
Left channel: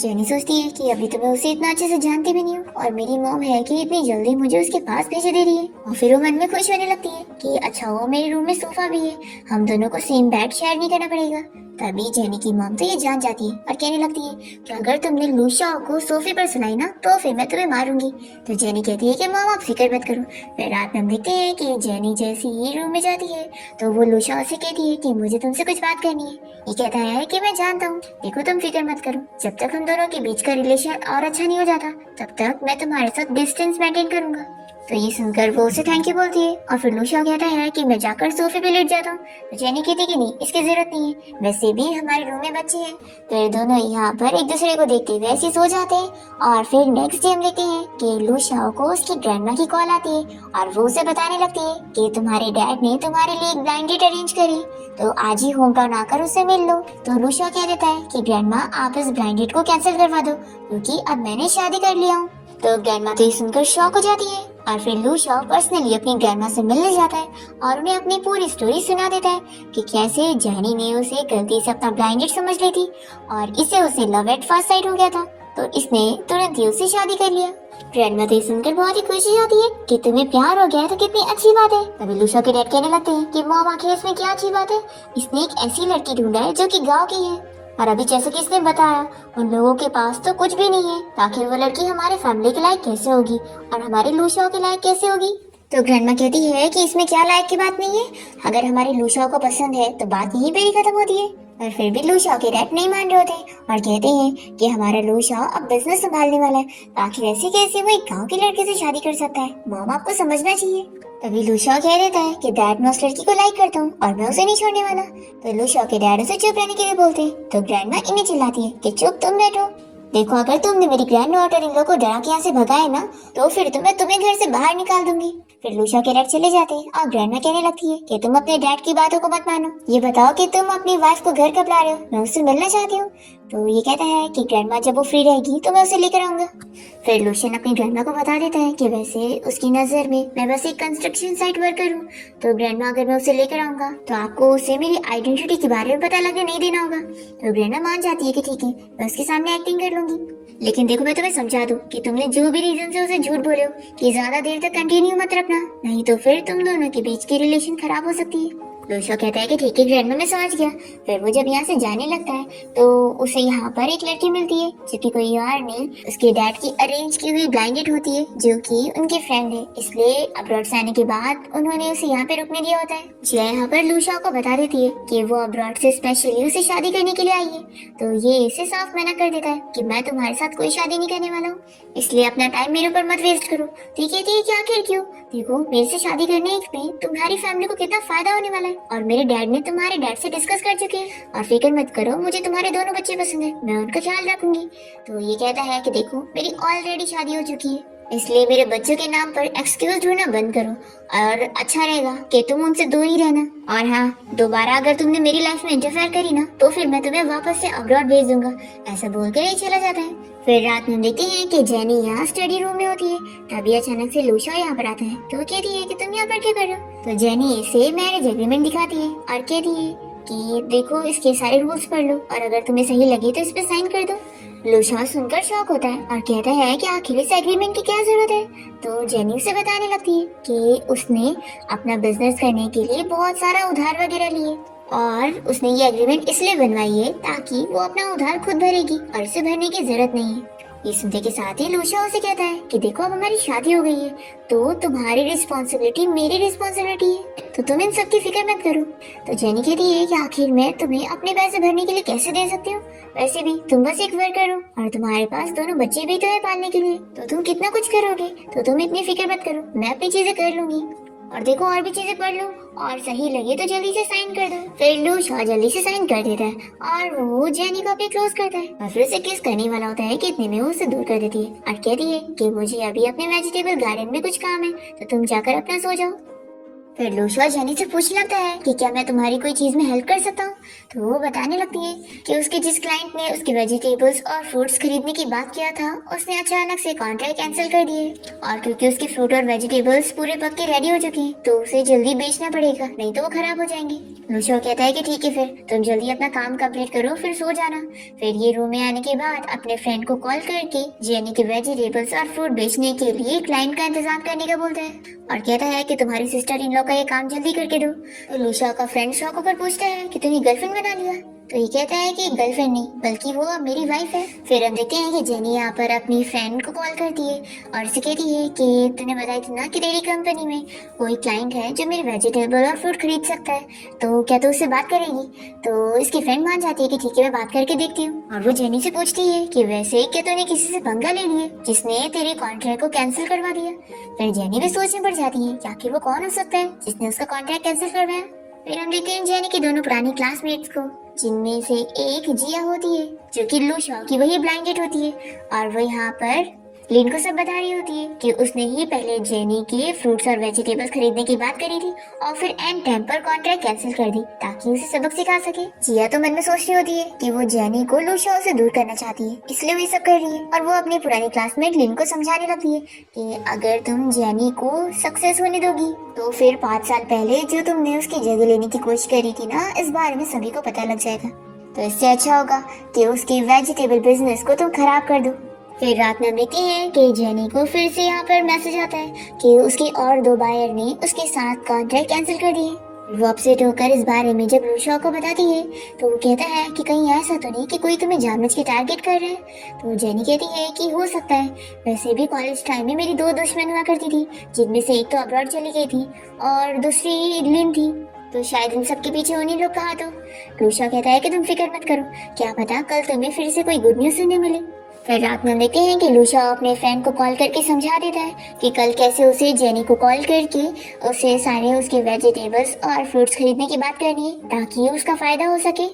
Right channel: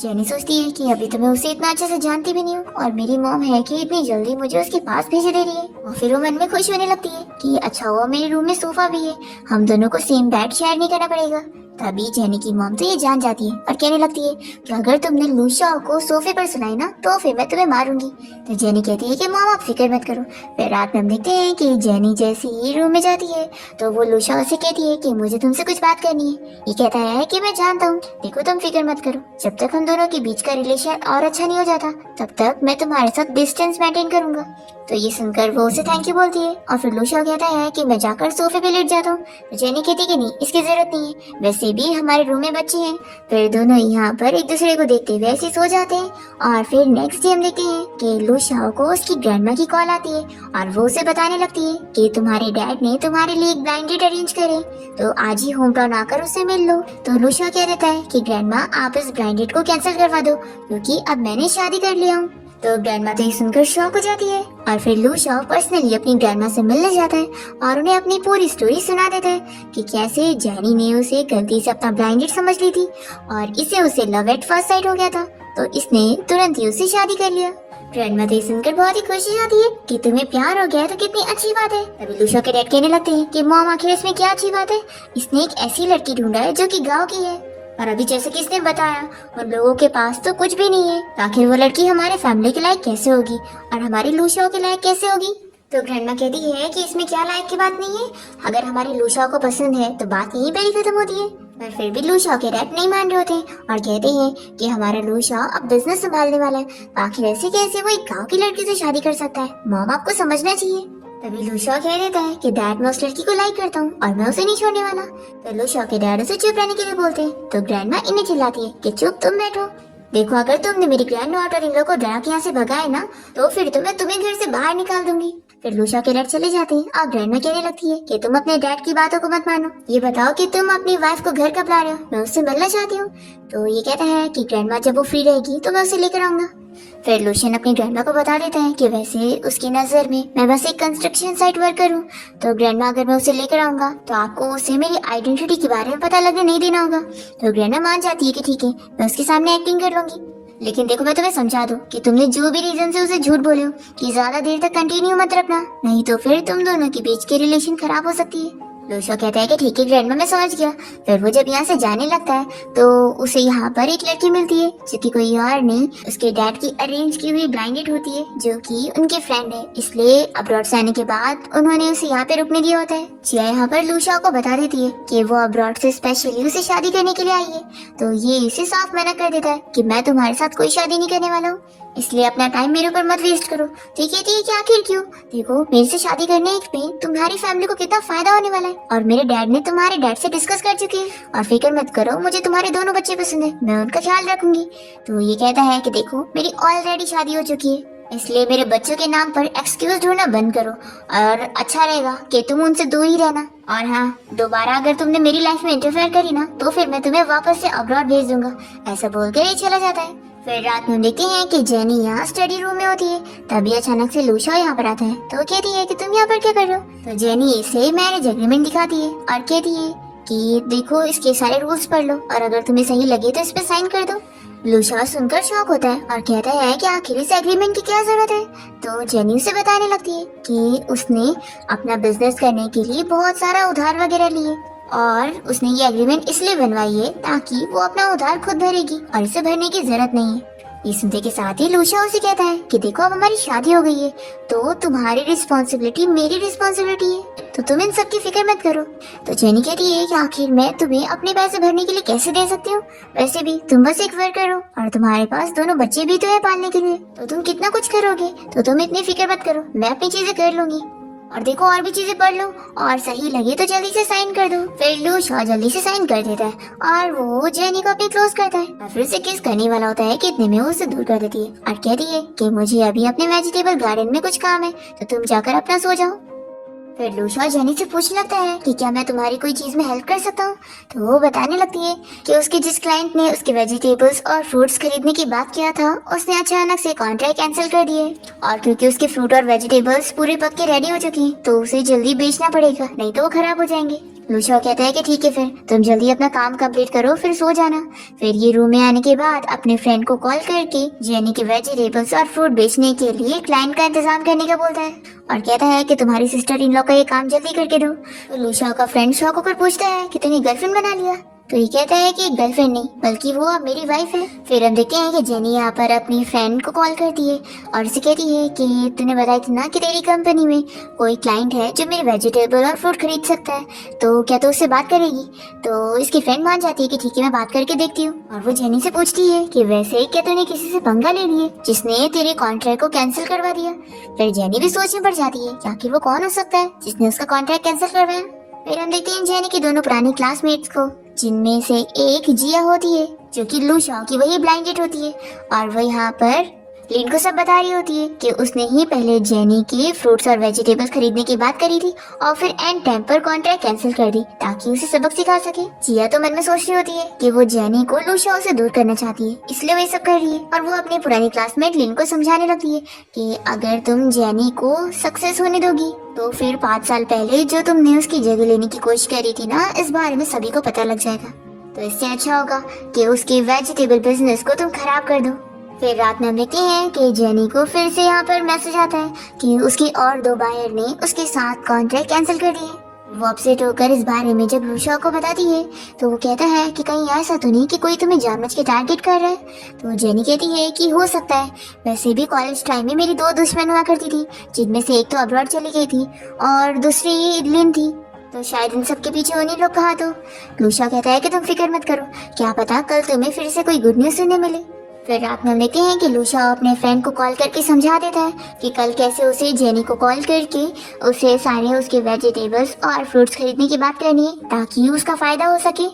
जेनी सोचती है कि अभी तो मैं उसे इतना अच्छे से जानती भी नहीं हूँ और मेरी मॉम है कि इतनी जल्दी मुझे उसके पास भेज दे रही है। और फिर वो मन में खुश होने लगती है कि अच्छा हुआ मेरे रूम में सोफा भी है, हम दोनों को सेम बेड शेयर नहीं करना पड़ेगा। तभी जेनी की मॉम तो ये जान जाती है और कहने लगती है कि अगर तुमने लूशाओ को सोफे पर सुनाई ना तो फिर मैं तुम्हें मारूंगी। तो जेनी कहती है कि मॉम आप फिक्र मत करो। फिर रात में हम देखते हैं कि जेनी जैसे ही रूम में जाती है तो वो लूशाओ से कहती है कि मुझे तुमसे कुछ बात करनी है। ये कहता है कि मैं जानता हूँ, देखो तुम फिक्र मत करो, जब तक हम दोनों के बीच का रिलेशन और अच्छा नहीं हो जाता तब तक मैं तुम्हारे साथ डिस्टेंस मेंटेन करूंगा। तो ये सुनकर वो उसे थैंक यू बोलती है और फिर लूशाओ कहता है कि मैं जाकर सोफे पे लेट जाता हूँ। तो जेनी कहती कि नहीं, इसकी जरूरत नहीं है, वैसे भी हमारे रूम में बच्चे हैं। फिर दोनों यहाँ पर एक दूसरे को देखते हुए ऐसे सो जाते हैं। और फिर नेक्स्ट डे हम देखते हैं कि लूशाओ को उसकी ग्रैंडमा की कॉल आती है और वो उसे बताने लगती है कि तुम्हारे डैड ने तुम्हारे लिए एक ब्लाइंड डेट अरेंज करे, तो आज ही होम टाउन आकर उससे मिल लो। तो लूशाओ कह देता है कि ग्रैंडमा आप इस ब्लाइंड डेट को कैंसिल करवा दो क्योंकि अब मैंने शादी कर लिया हूँ। तो ग्रैंडमा तो ये सुनकर शॉक हो जाती है और फिर लूशाओ पर्सनली अपनी ग्रैंडमा से मिलने जाता है और उन्हें अपनी पूरी स्टोरी सुना देता है कि कैसे जेनी ने उसे गलती से अपना ब्लाइंड डेट समझ ली थी और इससे उसे लव एट फर्स्ट साइट हो गया था, तो इसने तुरंत ही उससे शादी कर लिया। ग्रैंडमा तो सुनकर बहुत ही खुश हो जाती है कि तुम्हें प्यार हो गया तो कितनी अच्छी बात है। तभी लूशाओ के डैड कहने लगते हैं कि मॉम आखिर इसमें क्या अच्छी बात है, इसने एक ऐसी लड़की ढूंढा है जो कि गाँव की है और अभी जैसे कि इसने बताया उन लोगों के पास तो कुछ भी नहीं है, आखिर वो लड़की हमारे फैमिली के लायक कैसे होगी और हमारे लूशाओ के लायक कैसे होगी। तो ग्रैंडमा कहती है कि इसमें क्या लायक की बात नहीं है, अगर हमारे लूशाओ को पसंद है तो बात यहीं पे ही खत्म होती है। पर फिर भी लूशाओ के डैड नहीं मान रहे होते और कहते हैं कि हमारा लूशाओ अब बिजनेस संभालने वाला है, आखिर ऐसे कैसे वो एक गाँव की लड़की से शादी कर सकता है, मॉम आपको समझना चाहिए। तभी लूशाओ कह देता है कि डैड मैं उस लड़की को लाइक करता हूँ और मैं उसे नहीं छोड़ने वाला। तो लूशाओ के डैड उसे चुप रहने के लिए बोलते हैं तो ग्रैंडमा इन्हें चिल्लाती है कि चुप तुम बैठो, देखो अगर तुमने मेरी ग्रैंड डॉटर इन लोगों को डरा के यहाँ से भगाया ना तो फिर मैं तुम्हें घर से बाहर निकाल दूंगी। फिर लूशाओ के डैड चले जाते हैं और ग्रैंडमा कहने लगती है कि तुम अपने डैड की बातों को मत मानो, ये बताओ कि तुम अपनी वाइफ को घर कब ला रहे हो, मैं उससे मिलना चाहती हूँ। तो ये कहता है कि ग्रैंडमा जब वो फ्री रहेगी तो मैं उसे लेकर आऊंगा। फिर लूशियन अपनी ग्रैंडमा को बता देता है कि वैसे उसकी नजर में मैं बस एक कंस्ट्रक्शन साइट वर्कर हूँ, तो ग्रैंडमा अगर मैं उसे लेकर आऊंगा तो आपको उसे मेरी आइडेंटिटी के बारे में पता लगने नहीं देना होगा। तो ग्रैंडमा मान जाती है कि ठीक है मैं उसके सामने एक्टिंग कर लूंगी, लेकिन देखो मैं तुम्हें समझा दूं कि तुमने जो भी रीजन से उसे झूठ बोले हो कि ज्यादा देर तक कंटिन्यू मत रखना, नहीं तो फिर तुम दोनों के बीच की रिलेशन खराब हो सकती है। लूशियो कहता है कि ठीक है ग्रैंडमा मैं समझ गया। फिर वो जब यहाँ से जाने लगता है तो उसे यहाँ पर एक लड़की मिलती है जो कि कोई और नहीं उसके डैड की अरेंज की हुई ब्लाइंडेड होती है जो कि उनके फ्रेंड है, इसलिए अब्रॉड से आने के बाद उन्होंने उसे यहाँ पे रुकने दिया होता है। जिया यहाँ पर लूशियो को बता देती है कि वो अब्रॉड से स्पेशली उसे शादी करने के लिए आई है, तो ये इसे साफ मना कर देता है कि मैं तुम्हारे साथ कोई शादी नहीं करने वाला हूँ, इसलिए अपना टाइम मेरे ऊपर मत वेस्ट करो। ठीक है आखिर क्यों, देखो मेरे से शादी करने में तुम्हारी फैमिली को कितना फायदा होने वाला है और मेरे डैड ने तुम्हारे डैड से डिस्कस कर चुके हैं और फिक्र मत करो मुझे तुम्हारे दोनों बच्चे पसंद है, मैं उनका ख्याल रखूंगी। तो ये कहता है कि देखो मेरी ऑलरेडी शादी हो चुकी है इसलिए मेरे बच्चों के नाम पर एक्सक्यूज ढूंढना बंद करो और अच्छा रहेगा कि तुम उनसे दूर ही रहना। और हाँ, दोबारा अगर तुमने मेरी लाइफ में इंटरफेयर करी ना तो फिर मैं तुम्हें वापस से अब्रॉड भेज दूंगा। ऐसा बोलकर ही चला जाता है। फिर रात में देखते हैं कि जेनी यहाँ स्टडी रूम में होती है। तभी अचानक से लूशा यहाँ पर आता है तो कहती है कि तुम यहाँ पर क्या कर रहे हो। तो जेनी इसे मैरिज एग्रीमेंट दिखाती है और कहती है कि देखो इसके सारे रूल्स पढ़ लो और अगर तुम्हें सही लगे तो इस पे साइन कर दो। लूशा सुनकर शॉक होता है और कहता है कि आखिर इस एग्रीमेंट की क्या जरूरत है। तो जेनी उसे बताने लगती है कि उसने अपना बिजनेस करने के लिए बहुत सारा उधार वगैरह लिए और उसने ये एग्रीमेंट इसलिए बनवाई है ताकि वो अपना उधार खुद भरेगी और इसे भरने की जरूरत नहीं है। ये सुनते के साथ ही लूशा उसे कहता है कि देखो अब हमारी शादी हो गई है तो तुम्हारी रिस्पॉन्सिबिलिटी मेरी रिस्पॉन्सिबिलिटी है, तो तुम इन सब की फिक्र मत करो। तो जेनी कहती है कि आखिर मैं तुम्हें अपने पैसे भरने के लिए कैसे दे सकती हूँ, वैसे भी तुम बस एक वर्कर हो और तुम्हारे पास दोनों बच्चे भी तो है पालने के लिए, तो तुम कितना कुछ करोगे, तो तुम इतनी फिक्र मत करो, मैं अपनी चीजें कर लूंगी। और देखो और भी चीजें पढ़ लो और सही लगे तो जल्दी से साइन कर दो। फिर लूशा जल्दी से साइन कर देता है और वो जेनी को अपनी क्लोज करता है और फिर उसे किस करने वाला होता है कि इतने में वो उसे दूर कर देती है और कहती है कि मुझे अभी अपने वेजिटेबल गार्डन में कुछ काम है तो तुम जाकर अपना सो जाओ। फिर लूशा जेनी से पूछने लगता है कि क्या मैं तुम्हारी कोई चीज में हेल्प कर सकता हूँ। तो वो बताने लगती है कि उसकी जिस क्लाइंट ने उसके वेजिटेबल्स और फ्रूट्स खरीदने की बात किया था उसने अचानक से कॉन्ट्रैक्ट कैंसिल कर दिए और क्योंकि उसके फ्रूट और वेजिटेबल्स पूरे पक के रेडी हो चुके हैं तो उसे जल्दी बेचना पड़ेगा, नहीं तो वो खराब हो जाएंगे। लूशा कहता है कि ठीक है फिर तुम जल्दी अपना काम कंप्लीट करो फिर सो जाना। फिर ये रूम में आने के बाद अपने फ्रेंड को कॉल करके जेनी के वेजिटेबल्स और फ्रूट बेचने के लिए क्लाइंट का इंतजाम करने का बोलता है और कहता है कि तुम्हारी सिस्टर इन लॉ का ये काम जल्दी करके दो। तो लूशा का फ्रेंड शॉक होकर पूछता है कि तूने गर्लफ्रेंड बना लिया। तो ये कहता है कि गर्लफ्रेंड नहीं बल्कि वो अब मेरी वाइफ है। फिर हम देखते हैं कि जेनी यहाँ पर अपनी फ्रेंड को कॉल करती है और उसे कहती है कि तूने बताया था ना कि तेरी कंपनी में कोई क्लाइंट है जो मेरे वेजिटेबल और फ्रूट खरीद सकता है, तो क्या तू उससे बात करेगी। तो इसकी फ्रेंड मान जाती है कि ठीक है मैं बात करके देखती हूँ और वो जेनी से पूछती है कि वैसे क्या तूने किसी से पंगा ले लिया जिसने तेरे कॉन्ट्रैक्ट को कैंसिल करवा दिया। फिर जेनी भी सोच में पड़ जाती है कि आखिर वो कौन हो सकता है जिसने उसका कॉन्ट्रैक्ट कैंसिल करवाया। फिर हम देखते हैं जेनी के दोनों पुरानी क्लासमेट्स को जिनमें से एक जिया होती है जो कि लूशा की वही ब्लाइंडेड होती है और वो यहाँ पर लिन को सब बता रही होती है कि उसने ही पहले जेनी के फ्रूट्स और वेजिटेबल्स खरीदने की बात करी थी और फिर एंड टाइम पर कॉन्ट्रैक्ट कैंसिल कर दी ताकि उसे सबक सिखा सके। जिया तो मन में सोच रही होती है कि वो जेनी को लूशा से दूर करना चाहती है इसलिए वो ये सब कर रही है और वो अपनी पुरानी क्लासमेट लिन को समझाने लगती है कि अगर तुम जेनी को सक्सेस होने दोगी तो फिर 5 साल पहले जो तुमने उसकी जगह लेने की कोशिश करी थी ना, इस बारे में सभी को पता लग जाएगा। तो इससे अच्छा होगा कि उसके वेजिटेबल बिजनेस को तुम खराब कर दो। फिर रात में हम देखते हैं कि जेनी को फिर से यहाँ पर मैसेज आता है कि उसकी और 2 बायर ने उसके साथ कॉन्ट्रैक्ट कैंसिल कर दिए। वो अपसेट होकर इस बारे में जब लूशा को बताती है तो वो कहता है कि कहीं ऐसा तो नहीं कि कोई तुम्हें जानबूझ के टारगेट कर रहा है। तो जेनी कहती है कि हो सकता है, वैसे भी कॉलेज टाइम में मेरी 2 दुश्मन हुआ करती थी जिनमें से एक तो अब्रॉड चली गई थी और दूसरी लिन थी, तो शायद इन सब के पीछे उन्हीं लोग कहा। तो लूशा कहता है कि तुम फिक्र मत करो, क्या पता कल तुम्हें फिर से कोई गुड न्यूज सुनने मिले। फिर रात में देखते हैं कि लूशा अपने फ्रेंड को कॉल करके समझा देता है कि कल कैसे उसे जेनी को कॉल करके उसे सारे उसके वेजिटेबल्स और फ्रूट्स खरीदने की बात करनी है ताकि उसका फायदा हो सके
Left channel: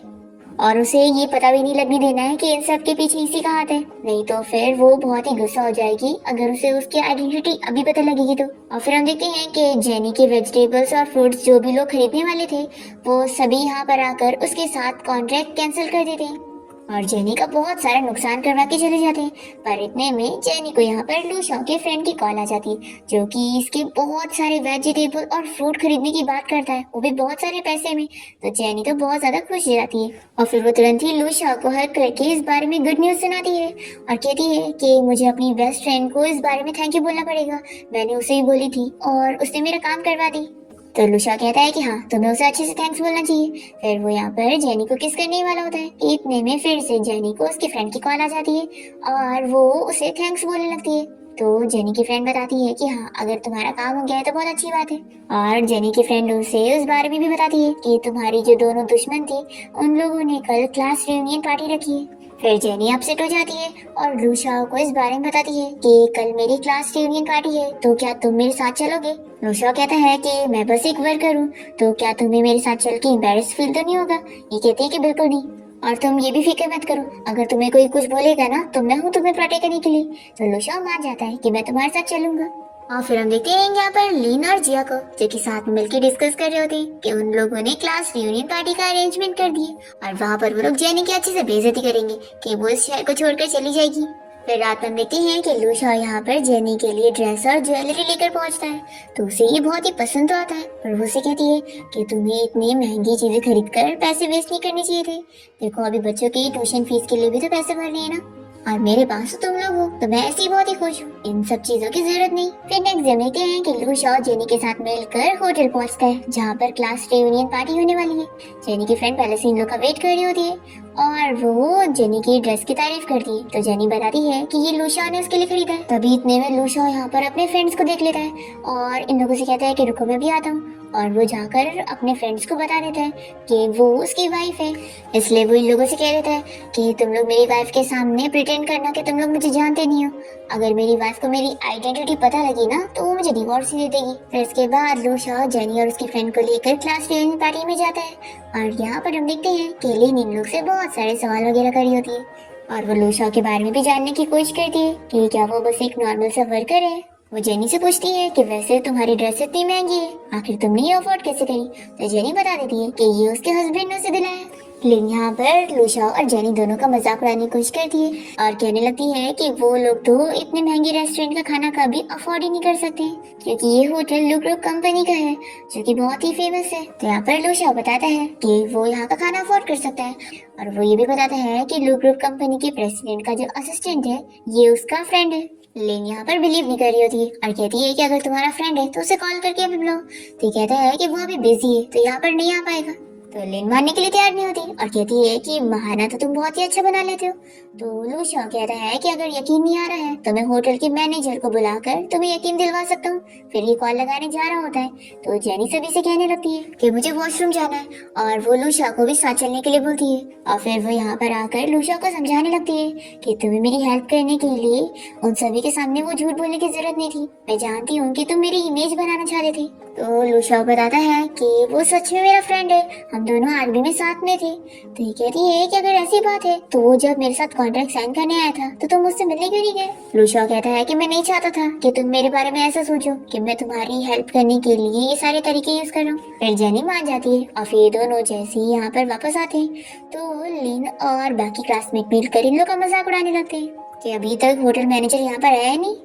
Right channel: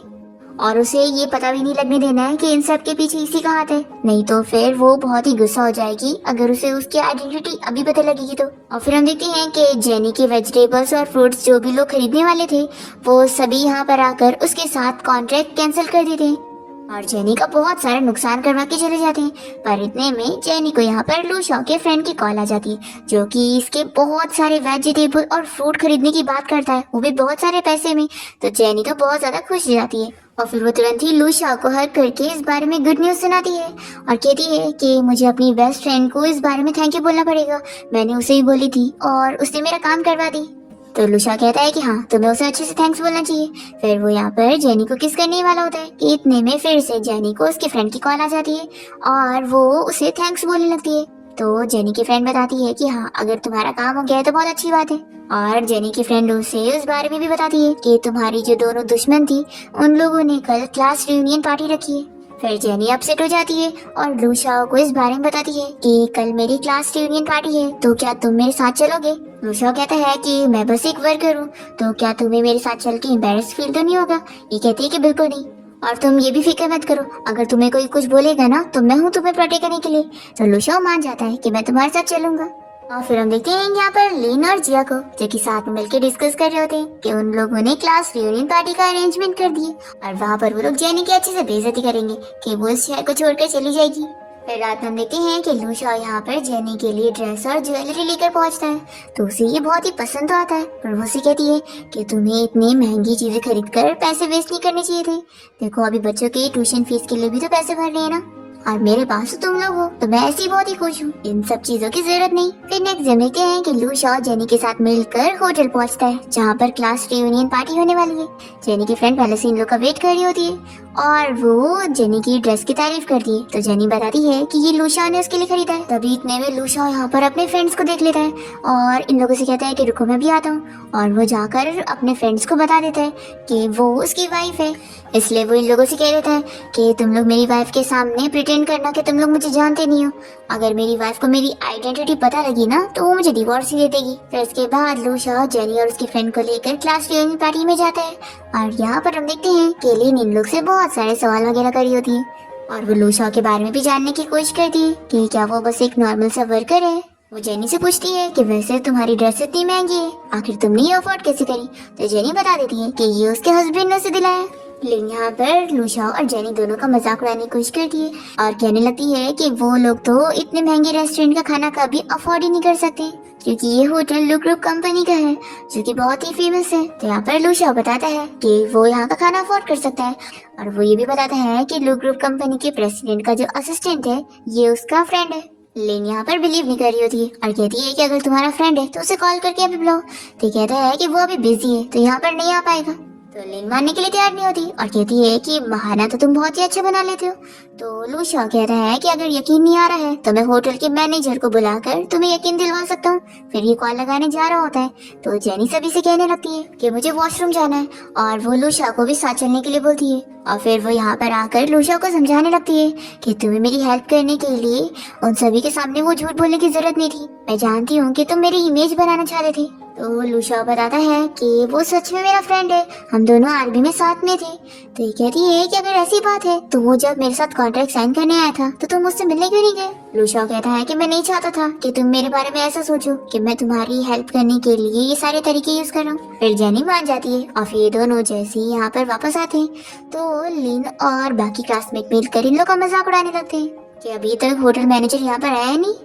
और उसे ये पता भी नहीं लगने देना है कि इन सब के पीछे इसी का हाथ है, नहीं तो फिर वो बहुत ही गुस्सा हो जाएगी अगर उसे उसकी आइडेंटिटी अभी पता लगेगी तो। और फिर हम देखते हैं कि जेनी के वेजिटेबल्स और फ्रूट्स जो भी लोग खरीदने वाले थे वो सभी यहाँ पर आकर उसके साथ कॉन्ट्रैक्ट कैंसिल कर देते हैं और जेनी का बहुत सारा नुकसान करवा के चले जाते हैं। पर इतने में जेनी को यहाँ पर लूशा के फ्रेंड की कॉल आ जाती है जो कि इसके बहुत सारे वेजिटेबल और फ्रूट खरीदने की बात करता है, वो भी बहुत सारे पैसे में। तो जेनी तो बहुत ज्यादा खुश हो जाती है और फिर वो तुरंत ही लूशा को हक करके इस बारे में गुड न्यूज सुनाती है और कहती है कि मुझे अपनी बेस्ट फ्रेंड को इस बारे में थैंक यू बोलना पड़ेगा, मैंने उसे ही बोली थी और उसने मेरा काम करवा दी। तो लूशा कहता है कि हाँ तुम्हें उसे अच्छे से थैंक्स बोलना चाहिए। फिर वो यहाँ पर जेनी को किस करने वाला होता है कि इतने में फिर से जेनी को उसकी फ्रेंड की कॉल आ जाती है और वो उसे थैंक्स बोलने लगती है। तो जेनी की फ्रेंड बताती है कि हाँ अगर तुम्हारा काम हो गया है तो बहुत अच्छी बात है और जेनी की फ्रेंड उसे उस बारे में भी बताती है कि तुम्हारी जो दोनों दुश्मन थी उन लोगों ने कल क्लास रियूनियन पार्टी रखी है। फिर जेनी अपसेट हो जाती है और लूशा को इस बारे में बताती है कि कल मेरी क्लास रियूनियन पार्टी है तो क्या तुम मेरे साथ चलोगे। लूशा कहता है कि मैं बस एक वर्कर हूँ, तो क्या तुम्हें मेरे साथ चल के एम्बैरेस फील तो नहीं होगा। ये कहती है कि बिल्कुल नहीं। और तुम ये भी फिक्र मत करो, अगर तुम्हें कोई कुछ बोलेगा ना तो मैं हूँ तुम्हें प्रोटेक्ट करने के लिए। तो लुशाओ मान जाता है कि मैं तुम्हारे साथ चलूंगा। और फिर हम देखते हैं यहाँ पर लिन और जिया को, जो कि साथ में मिलकर डिस्कस कर रहे होते हैं कि उन लोगों ने क्लास रियूनियन पार्टी का अरेंजमेंट कर दिए और वहाँ पर वो लोग जेनी की अच्छे से बेइज्जती करेंगे कि वो इस शहर को छोड़कर चली जाएगी। फिर रात में हम देखते हैं कि लुशाओ यहाँ पर जेनी के लिए ड्रेस और ज्वेलरी लेकर पहुँचता है, तो उसे ये बहुत ही पसंद तो आता है, पर वो उसे कहती है कि तुम्हें इतनी महंगी चीजें खरीद कर पैसे वेस्ट नहीं करने चाहिए थे। देखो अभी बच्चों के ट्यूशन फीस के लिए भी तो पैसे भर रहे हैं ना, और मेरे पास तो तुम लोग हो, तो मैं ऐसे ही बहुत ही खुश हूँ, इन सब चीजों की जरूरत नहीं। फिर नेक्स्ट डे देखते हैं कि लुशाओ जेनी के साथ मिलकर होटल पहुँचता है जहाँ पर क्लास रियूनियन पार्टी होने वाली है। जेनी की फ्रेंड पहले से इन लोग का वेट कर रही होती है और वो जेनी की ड्रेस की तारीफ करती है, तो जेनी बताती है कि ये लुशाओ ने उसके लिए खरीदा है। तभी इतने में लुशाओ यहाँ पर अपने फ्रेंड्स को देख लेता है और इन लोगों से कहता है कि रुको मैं भी आता हूँ, और वो जाकर अपने फ्रेंड्स को बता देता है कि वो उसकी वाइफ है। इसलिए वो इन लोगों से कह देता है कि तुम लोग मेरी वाइफ के सामने प्रिटेंड करना कि तुम लोग मुझे जानते नहीं हो, अगर मेरी वाइफ को मेरी आइडेंटिटी पता लगी ना तो वो मुझे डिवोर्स ही दे देगी। फिर इसके बाद लुशाओ जेनी और उसकी फ्रेंड को लेकर क्लास रियूनियन पार्टी में जाता है और यहाँ पर हम देखते हैं कि लिन इन लोग से बहुत सारे सवाल वगैरह करी होती है और वो लुशाओ के बारे में भी जानने की कोशिश करती है कि क्या वो बस एक नॉर्मल सा वर्कर है। वो जेनी से पूछती है कि वैसे तुम्हारी ड्रेस इतनी महंगी है, आखिर तुमने ये अफोर्ड कैसे करी। तो जेनी बता देती है कि ये उसके हस्बैंड ने उसे दिलाया। लेकिन यहाँ पर लुशाओ और जेनी दोनों का मजाक उड़ाने की कोशिश करती है और कहने लगती है कि वो लोग तो इतने महंगे रेस्टोरेंट का खाना कभी अफोर्ड ही नहीं कर सकते, क्योंकि ये होटल लू ग्रुप कंपनी का है जो कि बहुत ही फेमस है। तो यहाँ पर लुशाओ बताता है कि वो यहाँ का खाना अफोर्ड कर सकता है, और वो ये भी बताता है कि लू ग्रुप कंपनी के प्रेसिडेंट का जो असिस्टेंट है ये उसका फ्रेंड है। लेन यहाँ पर बिलीव नहीं कर रही होती है और कहती है कि अगर तुम्हारा फ्रेंड है तो उसे कॉल करके अभी बुलाओ। तो कहता है कि वो अभी बिजी है तो यहाँ पर नहीं आ पाएगा। तो लेन मानने के लिए तैयार नहीं होती और कहती है कि बहाना तो तुम बहुत ही अच्छा बना लेते हो। तो लुशाओ कहता है कि अगर यकीन नहीं आ रहा है तो मैं होटल के मैनेजर को बुलाकर तुम्हें यकीन दिलवा सकता हूँ। फिर ये कॉल लगाने जा रहा होता है तो जेनी सभी से कहने लगती है कि मुझे वॉशरूम जाना है, और वो लुशाओ को भी साथ चलने के लिए बोलती है। और फिर वो यहाँ पर आकर लुशाओ को समझाने लगती है कि तुम्हें मेरी हेल्प करने के लिए उन सभी के सामने वो झूठ बोलने की जरूरत नहीं थी, मैं जानती हूँ कि तुम मेरी इमेज बनाना चाहते थे। तो लुशाओ बताता है कि वो सच में मेरा फ्रेंड है, हम दोनों आर्मी में साथ में थे। तो ये कहती है कि अगर ऐसी बात है तो वो जब मेरे साथ कॉन्ट्रैक्ट साइन करने आया था तो तुम मुझसे मिलने क्यों नहीं गए। लुशाओ कहता है कि मैं नहीं चाहता था कि तुम मेरे बारे में ऐसा सोचो कि मैं तुम्हारी हेल्प करने के लिए ये सारे तरीके यूज कर रहा हूँ। फिर जेनी मान जाती है और फिर दोनों जैसे ही यहाँ पर वापस आते हैं तो लिन और बाकी क्लासमेट मिलकर इन लोग का मजाक उड़ाने लगते हैं कि अभी तक होटल मैनेजर यहाँ पर आया नहीं।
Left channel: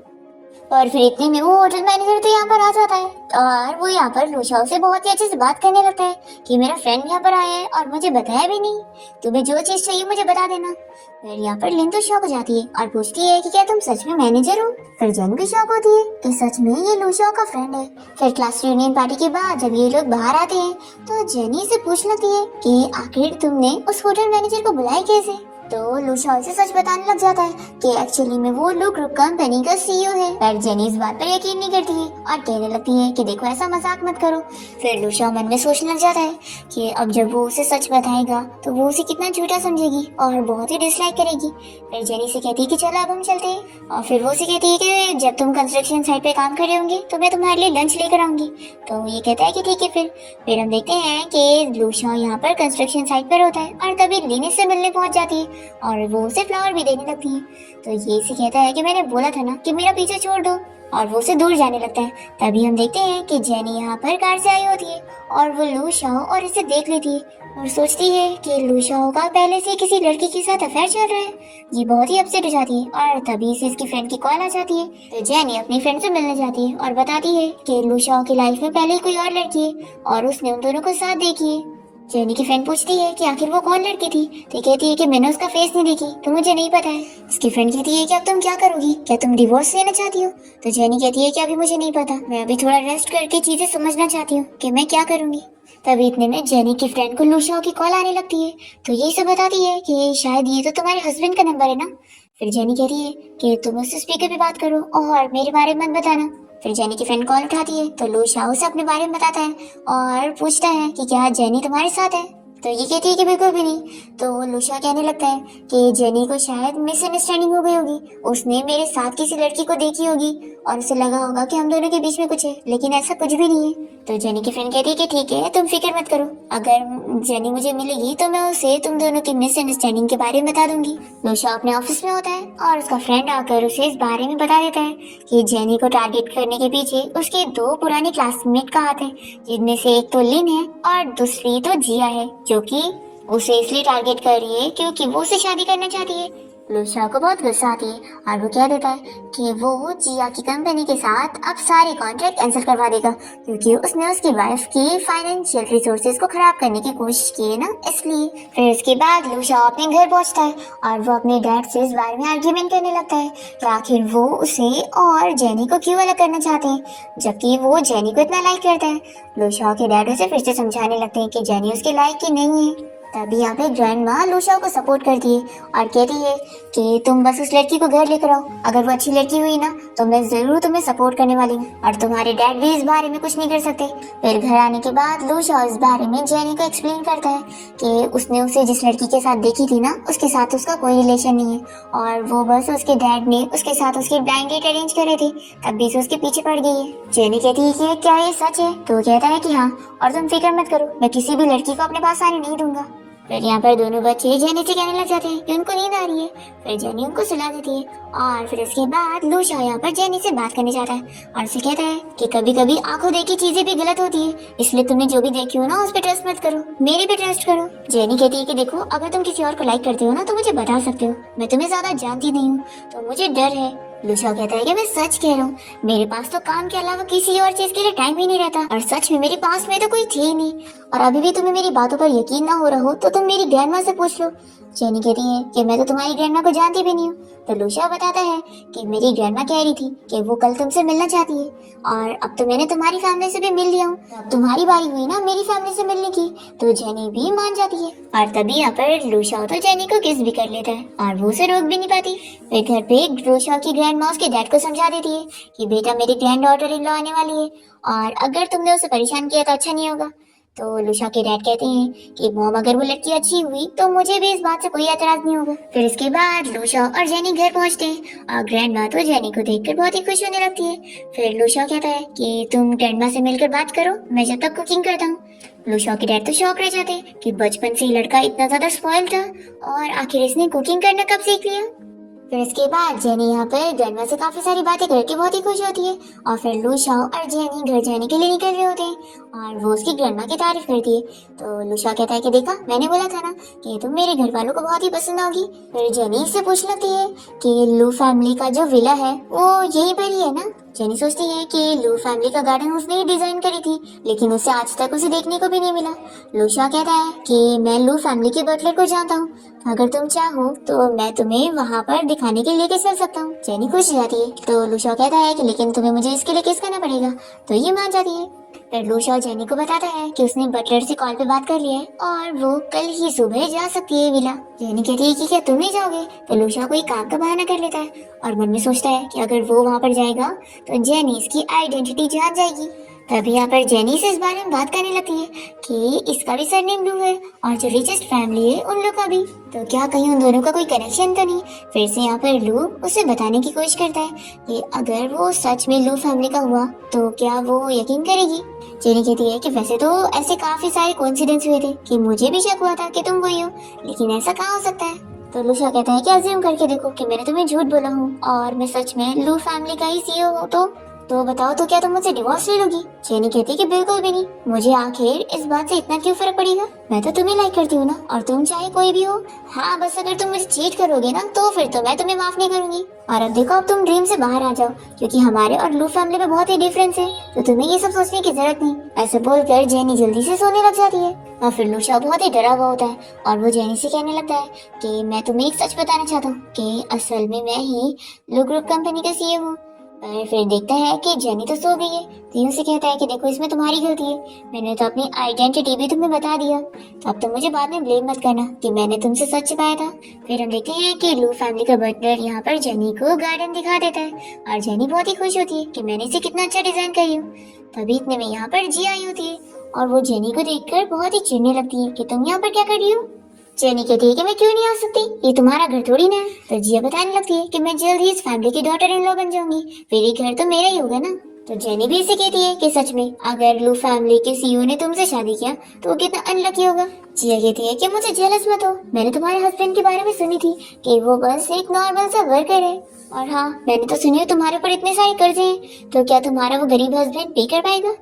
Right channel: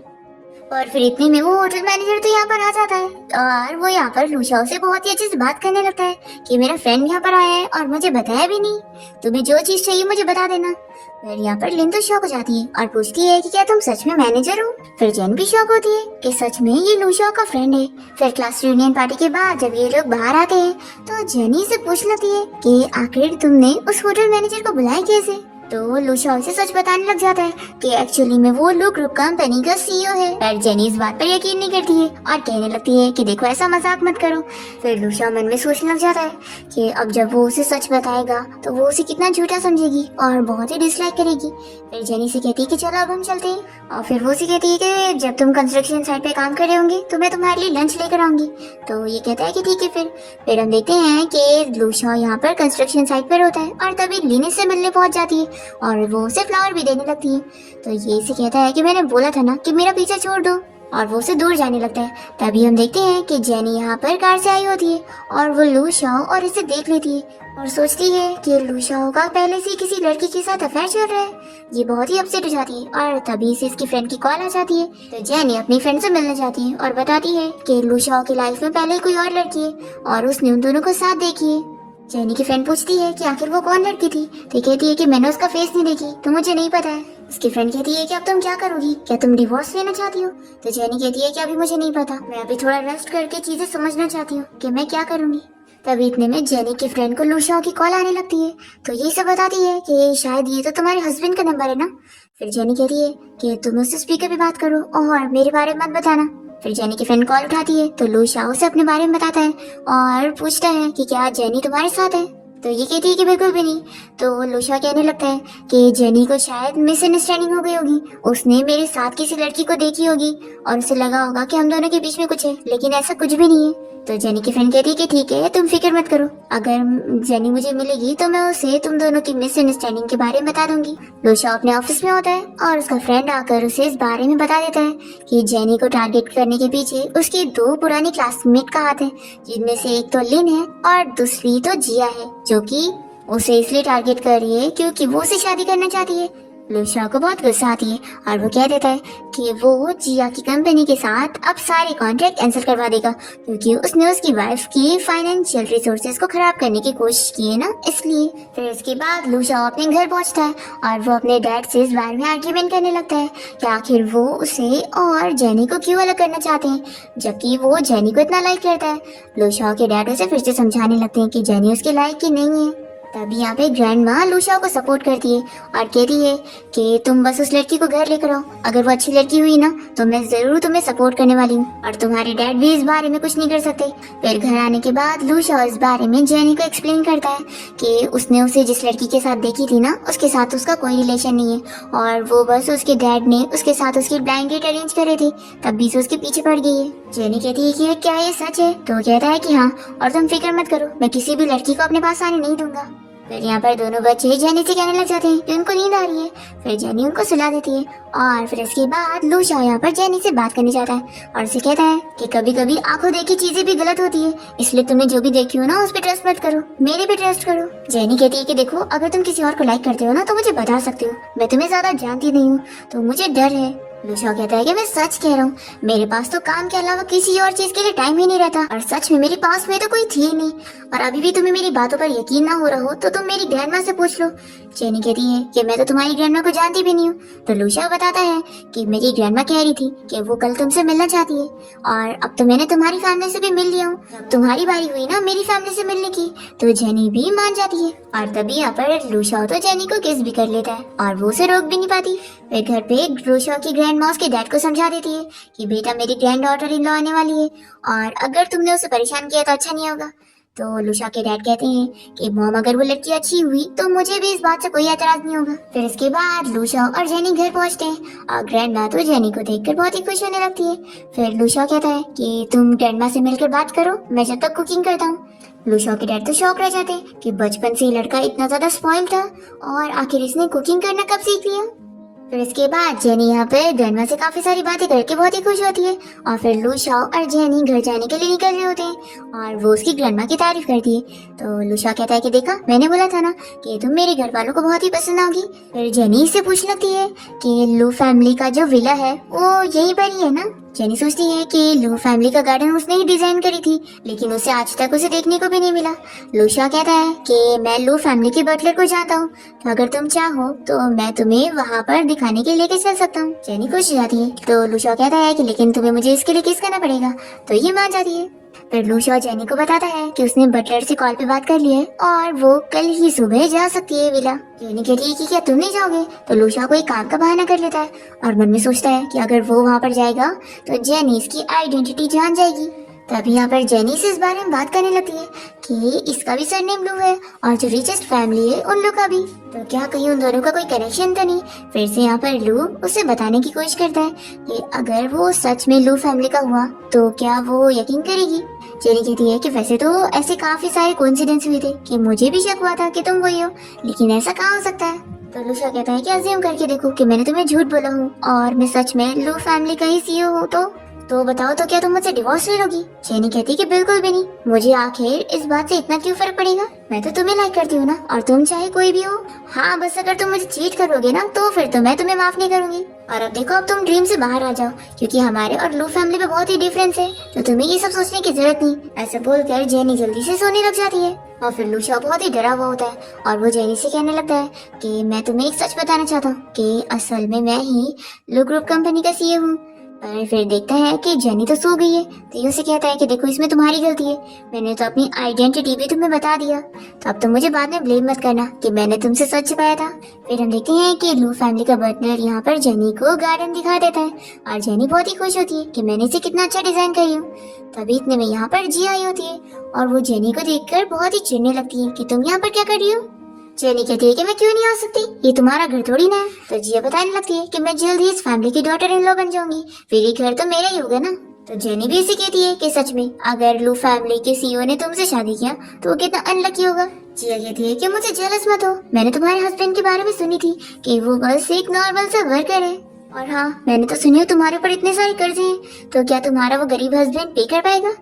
और फिर इतने में वो होटल मैनेजर तो यहाँ पर आ जाता है और वो यहाँ पर लुशाओ से बहुत ही अच्छे से बात करने लगता है कि मेरा फ्रेंड यहाँ पर आया है और मुझे बताया भी नहीं, तुम्हें जो चीज चाहिए मुझे बता देना। फिर यहाँ पर लिन तो शॉक हो जाती है और पूछती है कि क्या तुम सच में मैनेजर हो। फिर जेन भी शॉक होती है कि सच में ये लुशाओ का फ्रेंड है। फिर क्लास रियूनियन पार्टी के बाद जब ये लोग बाहर आते हैं तो जेनी से पूछ लेती है कि आखिर तुमने उस होटल मैनेजर को बुलाया कैसे। तो लुशाओ से सच बताने लग जाता है कि एक्चुअली में वो लू ग्रुप कंपनी का सीईओ है। पर जेनी इस बात पर यकीन नहीं करती है और कहने लगती है कि देखो ऐसा मजाक मत करो। फिर लुशाओ मन में सोचने लग जाता है कि अब जब वो उसे सच बताएगा तो वो उसे कितना झूठा समझेगी और बहुत ही डिसलाइक करेगी। फिर जेनी से कहती है कि चलो अब हम चलते हैं, और फिर वो उसे कहती है कि जब तुम कंस्ट्रक्शन साइट पे काम कर रहे होंगे तो मैं तुम्हारे लिए लंच लेकर आऊंगी। तो ये कहता है कि ठीक है। फिर हम देखते हैं कि लुशाओ यहाँ पर कंस्ट्रक्शन साइट पर होता है और तभी लिन से मिलने पहुंच जाती है और वो उसे फ्लावर भी देने लगती है। तो ये इसे कहता है कि मैंने बोला था ना कि मेरा पीछे छोड़ दो, और वो उसे दूर जाने लगता है। तभी हम देखते हैं कि जेनी यहाँ पर कार से आई होती है और वो लुशाओ और इसे देख लेती है और सोचती है कि लुशाओ का पहले से किसी लड़की के साथ अफेयर चल रहा है। ये बहुत ही अपसेट हो जाती है और तभी से इसकी फ्रेंड की कॉल आ जाती है। तो जेनी अपनी फ्रेंड से मिलने जाती है और बताती है कि लुशाओ की लाइफ में पहले कोई और लड़की है और उसने उन दोनों को साथ देखी है। जेनी की फ्रेंड पूछती है कि आखिर वो कौन लड़की थी। तो कहती है कि मैंने उसका फेस नहीं देखी तो मुझे नहीं पता है। इसकी फ्रेंड कहती है कि अब तुम क्या करोगी, क्या तुम डिवोर्स लेना चाहती हो। तो जेनी कहती है कि अभी मुझे नहीं पता, मैं अभी थोड़ा रेस्ट करके चीजें समझना चाहती हूँ कि मैं क्या करूंगी। तभी इतने में जेनी की फ्रेंड को लुशाओ की कॉल आने लगती है। तो ये सब बताती है कि शायद ये तो तुम्हारे हस्बैंड का नंबर है ना। फिर जेनी कहती है कि तुम उससे स्पीकर पे बात करो और मेरे बारे में मत बताना। फिर जेनी की फ्रेंड कॉल उठाती है तो लुशाओ से अपने बारे में बताता है और पूछता है कि क्या जेनी तुम्हारे साथ है। तो ये कहती है कि बिल्कुल भी नहीं। तो लुशाओ कहने लगता है कि जेनी को शायद मिसअंडरस्टैंडिंग हो गई होगी, उसने मेरे साथ किसी लड़की को देखी होगी और उसे लगा होगा कि हम दोनों के बीच में कुछ है, लेकिन ऐसा कुछ भी नहीं है। तो जेनी की फ्रेंड कहती है कि ठीक है, तुम फिक्र मत करो, अगर जेनी मुझे मिलेगी तो मैं उसे तुम दोनों की मिसअंडरस्टैंडिंग के बारे में बता दूंगी। लूशा अपने ऑफिस में होता है और उसका फ्रेंड आकर उसे इस बारे में बता देता है कि जेनी को टारगेट करने के पीछे उसके 2 पुराने क्लासमेट का हाथ है, जिनमें से एक तो लिन है और दूसरी तो जिया है, जो कि उसे इसलिए टारगेट कर रही है क्योंकि वो उसे शादी करना चाहती है। लूशा को बहुत गुस्सा आती है और वो कह देता है कि वो जिया की कंपनी के साथ अब सारे कॉन्ट्रैक्ट कैंसिल करवा देगा, क्योंकि उसने उसकी वाइफ की फाइनेंशियल रिसोर्सेज को खराब करने की कोशिश की है ना, इसलिए। फिर उसके बाद लूशा अपने घर पहुंचता है और वो अपने डैड से इस बारे में आर्ग्यूमेंट करने लगता है कि आखिर वो उसे और जेनी को क्यों अलग करना चाहते हैं, जबकि वो जेनी को इतना लाइक करता है। लूशा के डैड उसे फिर से समझाने लगते हैं कि जेनी उसके लाइक की नहीं है। तभी यहाँ पे ग्रैंड माँ लूशा को सपोर्ट करती है और कहती है कि तुम बस उस लड़की को घर लेकर आओ, अगर वो अच्छी लड़की हुई ना तो मैं जरूर तुम्हें सपोर्ट करने वाली हूँ और तुम्हारे डैड भी इस बारे में कुछ नहीं कर सकते। फिर घर आने के बाद लूशा इस बारे में जेनी को एक्सप्लेन करता है कि उसने उसे जिस लड़की के साथ देखी थी ना, उसके साथ उसका कोई रिलेशन नहीं है और वो बस उसके डैड ने उसके साथ उसकी ब्लाइंड डेट अरेंज करे थे, तभी से उसके पीछे पड़ गई है। जेनी कहती है कि क्या ये सच है? तो कहता है कि हाँ, और तुम फिक्र मत करो, मैं किसी भी लड़की को अपने पास आने नहीं दूंगा। फिर यहाँ पर दोनों बच्चे जेनी से कहने लग जाते हैं कि उनको नींद आ रही है। फिर जेनी उनको सुला देती है और फिर उसके बाद लूशा यहाँ पर जेनी से बात करने जाता है और उसे कहता है कि कभी कभी आंखों देखी चीजें भी गलत होती है, इसलिए तुमने जो भी देखी हो ना उस पर ट्रस्ट मत करो, मेरे भी ट्रस्ट करो। जेनी कहती है कि देखो, अगर तुम किसी और को लाइक करते हो ना तो मुझे बता सकते हो, मैं तुम्हें ज्यादा जानती नहीं हूँ तो मुझे डर है। लूशा कहता है कि मैं सच कह रहा हूँ, मेरे पास तो काम के अलावा किसी और चीज के लिए टाइम ही नहीं रहता और सच में मेरे पास में तो कोई थी ही नहीं, और अभी भी तुम्हें मेरी बातों पर यकीन ना हो रहा हो तो तुम मेरी ग्रैंडमा से पूछ लो। जेनी कहती है कि मैं तो तुम्हारी ग्रैंडमा को जानती भी नहीं हूँ। तो लूशा बताता है कि मेरी ग्रैंडमा कह रही थी कि वो कल तुमसे मिलना चाहती है और अब तो मैंने तुम्हारी फैमिली से भी मिल लिया हूँ, तुम्हारी बारी हुई ना मेरी फैमिली से मिलने की। तो जेनी भी मान जाती है और तभी यहाँ पर लूशा तो जेनी को किस भी कर लेता है और वो उसे रोक भी नहीं पाती। फिर घर पे लूशा की ग्रैंडमा उसके डैड को समझा देती है कि बेटा मेरी ग्रैंड डॉटर इन लॉ आने वाली है और अगर तुमने उसे परेशान किया तो अच्छा नहीं होगा। तो लूशा के डैड कहते हैं कि मॉम, अगर वो लड़की अच्छी हुई तो मुझे भी इस बात से कोई एतराज नहीं होगा। फिर इसके बाद लूशा और जेनी घर पहुंचते हैं और ग्रैंड माँ तो जेनी को देखकर बहुत ही खुश होने लगती है। फिर लूशा कहता है कि तुम ग्रैंड माँ से मिलकर बात करो, मैं जब तक कुकिंग करता हूँ। लूशा के डैड तो शौक रह जाते हैं कि बचपन से ही लड़का इतना ज्यादा स्पॉइल था और आखिर इसने कुकिंग करना कब सीख लिया। फिर इसके बाद जेनी यहाँ पे ग्रैंडमा से काफी सारी बातें करके बहुत ही खुश होती है और फिर लूशा और जेनी घर जाने के लिए निकल रहे होते हैं और वो उसकी ग्रैंडमा की तारीफ करती है। तो लूशा कहता है कि देखा, मैंने बोला था ना कि तुम मेरे घर वालों को बहुत ही पसंद आओगी। फिर जेनी इससे पूछ लगती है कि लू फैमिली का जो विला है वो यही पर ही है ना। जेनी सोचती है कि लू फैमिली का गार्डन उसने ही डिजाइन करी थी, लेकिन उसे आज तक उसे देखने को भी नहीं मिला। लूशा कहता है कि मैं लू फैमिली की बटलर को जानता हूँ, तो अगर तुम चाहो तो मैं तुम्हें वहाँ पर दिखाने के लिए चल सकता हूँ। जेनी खुश हो जाती है। तो लूशा कहता है कि लेकिन तुम्हें मुझे इसके लिए किस करना पड़ेगा, तो ये मान जाती है। फिर लूशा जेनी को बताता है कि उसने बटलर से कॉल पे बात कर ली है और वो कल ही सुबह जा सकती है विला। जेनी कहती है कि क्या तुम नहीं जाओगे? तो लूशा कोई काम का बहाना कर लेता है और मन में सोचता है कि अगर वो वहाँ पर जाएगा तो जेनी इसकी आइडेंटिटी जान जाएगी। तभी यहाँ पर जेनी से इस बारे में बात करने लगती है कि इसका भी सरनेम लू है और जो रिचेस्ट फैमिली है उन लोग का भी, तो क्या कहीं उन दोनों का कोई कनेक्शन तो नहीं। फिर से यहाँ पर लू उसे बताने की कोशिश करता है कि अगर वो सच में लू फैमिली का हुआ तो क्या वो यकीन करेगी। जेनी कहती है कि वैसे तो ऐसे काफी सारे कोइंसिडेंस हुए थे कि मुझे भी शक हुआ था कि तुम वही हो, लेकिन ऐसा कहाँ हो सकता है। तो लूशा कहता है कि अज्यूम करके देखो कि मैंने तुम्हें झूठ बोला हूँ और मैं सच में लू फैमिली का ही सीईओ हूँ, तो बताओ, तो क्या तुम मुझसे डिवोर्स ले लोगी? जेनी कहती है कि बिल्कुल भी नहीं, मुझे आखिर इस बात से इतना क्यों फर्क पड़ेगा, मैं तो तुम्हें लाइक करती हूँ ना, और तुम चाहे कोई भी हो। हाँ, बस अगर तुम मुझे चीट करोगे ना तो फिर तो मैं तुम्हें माफ नहीं करूंगी। और अब देखो, अब तुम ड्रीम से बाहर आ जाओ, क्योंकि हमारे और लू फैमिली में बहुत ही डिफरेंस है, तो तुम्हें ये सब सोचने की जरूरत नहीं। ऐसे बोलकर जेनी जल्दी से सोने लग जाती है और फिर लूशा बहुत ही डरा हुआ होता है और वो जेनी से कहने लगता है कि मैं तुम्हें एक सच बताना चाहता हूँ कि असल में मैं ही लू ग्रुप कंपनी का सीईओ हूँ। पर फिर देखता है कि जेनी तो सो गई है, तो ये उसे कहता है कि देखो, इसमें तुम्हारी गलती है, मैंने तो अपनी आइडेंटिटी भी तुम्हें बता दिया, तो अब तुम मुझे बाद में ब्लेम मत करना कि मैंने तुमसे सच छिपाया था। फिर हम देखते हैं कि लू फैमिली का बटलर यहाँ पर जेनी को गार्डन दिखा देता है और जेनी बहुत ही खुश होती है कि मैंने इसे कितना अच्छा डिजाइन करी हूँ। तभी इतने में यहाँ पर जी आई होती है और वो जेनी को देखकर बहुत ही चिढ़ने लगती है कि तुम यहाँ पर क्या कर रही हो। जेनी कहती है कि मैं क्यों नहीं आ सकती, ये तुम्हारा घर थोड़ी ना है। तो जिया बताने लगती है कि मैं जल्द ही इस फैमिली की डॉटर इन लॉ बन जाऊंगी, फिर ये घर तो मेरा ही होगा ना। तो जेनी भी इसे कहती है कि सच में अगर लू फैमिली के सीईओ ने तुमसे शादी किया तो वो कितना अनलकी होगा। जिया कहती है कि मुझे जेलस मत हो, मैंने तुम्हारे हस्बैंड के बारे में सुनी थी कि वो बस एक नॉर्मल सा वर्कर है, और हाँ मैंने तो सुनी है तुम्हारे ऊपर इतने सारे कर्जे हैं, तो क्या तुम्हारा वो गरीब हस्बैंड पे कर पाएगा।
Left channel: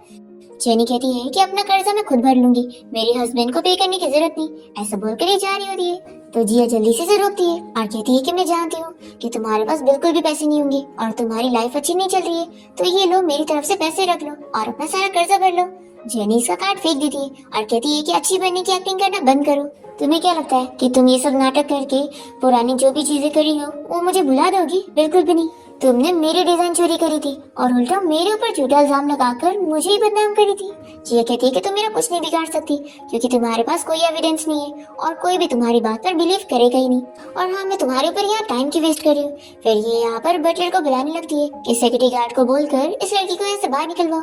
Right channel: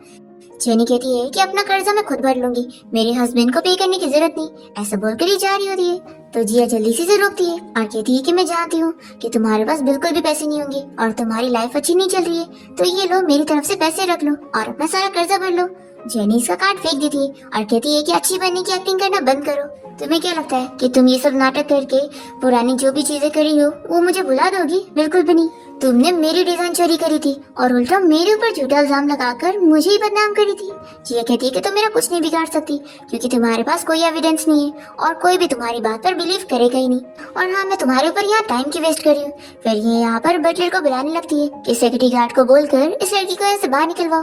जेनी कहती है कि अपना कर्जा मैं खुद भर लूंगी, मेरे हस्बैंड को पे करने की जरूरत नहीं, ऐसा बोलकर ही जा रही होती है। तो जिया जल्दी से रोकती है और कहती है कि मैं जानती हूँ कि तुम्हारे पास बिल्कुल भी पैसे नहीं होंगे और तुम्हारी लाइफ अच्छी नहीं चल रही है, तो ये लो मेरी तरफ से पैसे रख लो और अपना सारा कर्जा भर लो। जेनी इसका कार्ड फेंक देती है और कहती है कि अच्छी बनने की एक्टिंग करना बंद करो। तुम्हें क्या लगता है कि तुम ये सब नाटक करके पुरानी जो भी चीजें करी हो वो मुझे भुला दोगी? बिल्कुल भी नहीं। तुमने मेरी डिजाइन चोरी करी थी और उल्टा मेरे ऊपर झूठा इल्जाम लगाकर मुझे ही बदनाम करी थी। जिया कहती है कि तुम मेरा कुछ नहीं बिगाड़ सकती क्योंकि तुम्हारे पास कोई एविडेंस नहीं है और कोई भी तुम्हारी बात पर बिलीव करेगा ही नहीं। और हाँ मैं तुम्हारे ऊपर यहाँ टाइम की वेस्ट कर रही हूँ। फिर ये यहाँ पर बटलर को बुलाने लगती है कि सिक्योरिटी गार्ड को बोलकर इस लड़की को यहाँ से बाहर निकलवाओ।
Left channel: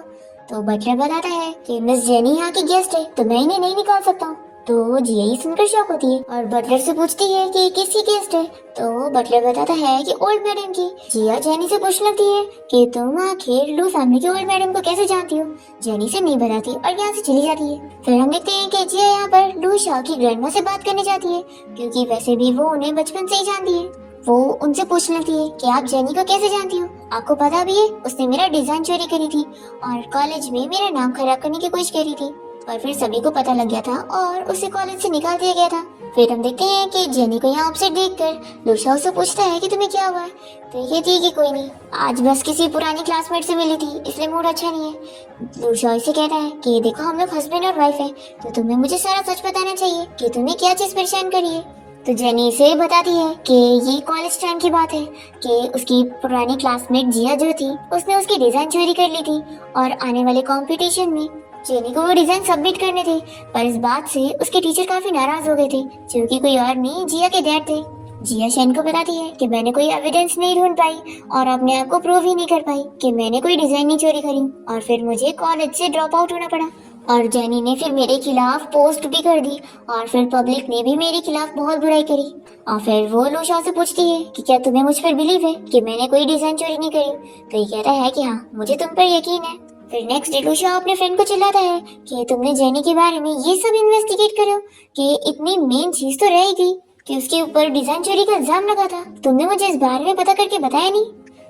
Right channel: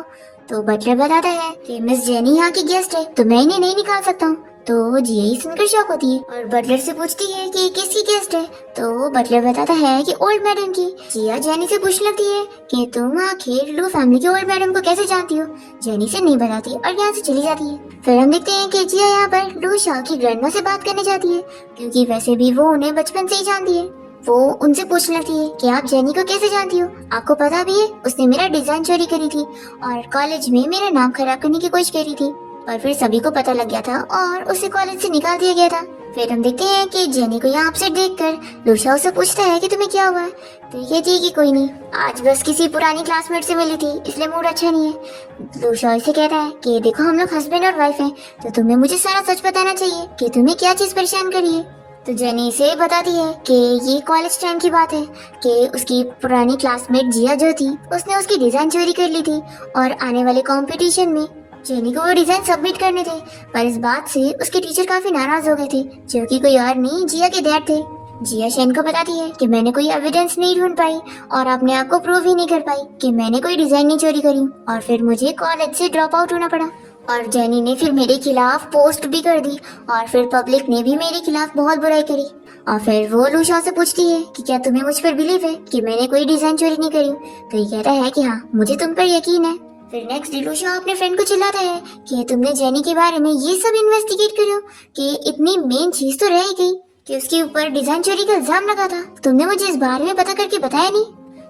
तो बटलर बताता है कि मिस जेनी यहाँ की गेस्ट है तो मैं इन्हें नहीं निकाल सकता हूँ। तो जिया ही सुनकर शॉक होती है और बटलर से पूछती है कि किसकी गेस्ट है। तो बटलर बताता है कि ओल्ड मैडम की। जिया जेनी से पूछने लगती है कि तुम आखिर लू फैमिली के ओल्ड मैडम को कैसे जानती हो। जेनी से नहीं बताती और यहाँ से चली जाती है। फिर हम देखते हैं कि जिया यहाँ पर लू शाह की ग्रैंडमा से बात करने जाती है क्योंकि वैसे भी वो उन्हें बचपन से ही जानती है। वो उनसे पूछने लगती है कि आप जेनी को कैसे जानती हो, आपको पता भी है उसने मेरा डिजाइन चोरी करी थी और कॉलेज में मेरा नाम खराब करने की कोशिश करी थी, और फिर सभी को पता लग गया था और उसे कॉलेज से निकाल दिया गया था। फिर हम देखते हैं कि जेनी को यहाँ अपसेट देखकर लूशा उससे पूछता है कि तुम्हें क्या हुआ है। तो ये थी कि कोई नहीं, आज बस किसी पुरानी क्लासमेट से मिली थी इसलिए मूड अच्छा नहीं है। लूशा इसे कहता है कि देखो हम लोग हस्बैंड और वाइफ हैं तो तुम्हें मुझे सारा सच बताना चाहिए कि तुम्हें क्या चीज परेशान कर रही है। तो जेनी इसे बताती है कि ये कॉलेज टाइम की बात है कि उसकी पुरानी क्लासमेट जिया जो थी उसने उसकी डिजाइन चोरी कर ली थी और आने वाले कंपटीशन में जेनी को वो डिजाइन सबमिट करने थे, पर इस बात से उसके टीचर काफी नाराज हो गए थे जो कि कोई और नहीं जिया के डैड थे। जिया शेन को बताती है कि मैंने कोई एविडेंस नहीं ढूंढ पाई और अपने आप को प्रूव ही नहीं कर पाई कि मैंने कोई डिजाइन नहीं चोरी करी और फिर मुझे कॉलेज से ड्रॉप आउट होना पड़ा। और जेनी ने फिर मेरे खिलाफ पोस्ट भी कर दी और फिर पब्लिक ने भी मेरे खिलाफ बहुत बुराई करी। और फिर वो लूशा से पूछती है कि क्या तुम्हें मुझ पर बिलीव है कि मैंने कोई डिजाइन चोरी नहीं करी। तो ये कहता है कि हाँ मुझे तुम पर यकीन है। फिर नेक्स्ट डे लूशा अपने फ्रेंड को चिल्लाता है कि तुमने जेनी के बारे में ये सब इन्वेस्टिगेट करो कि इतनी मेन चीज तो रह गई कि उसके ऊपर डिजाइन चोरी का इल्जाम लगा था, तुमने मुझे इस बारे में पता करके बताया नहीं।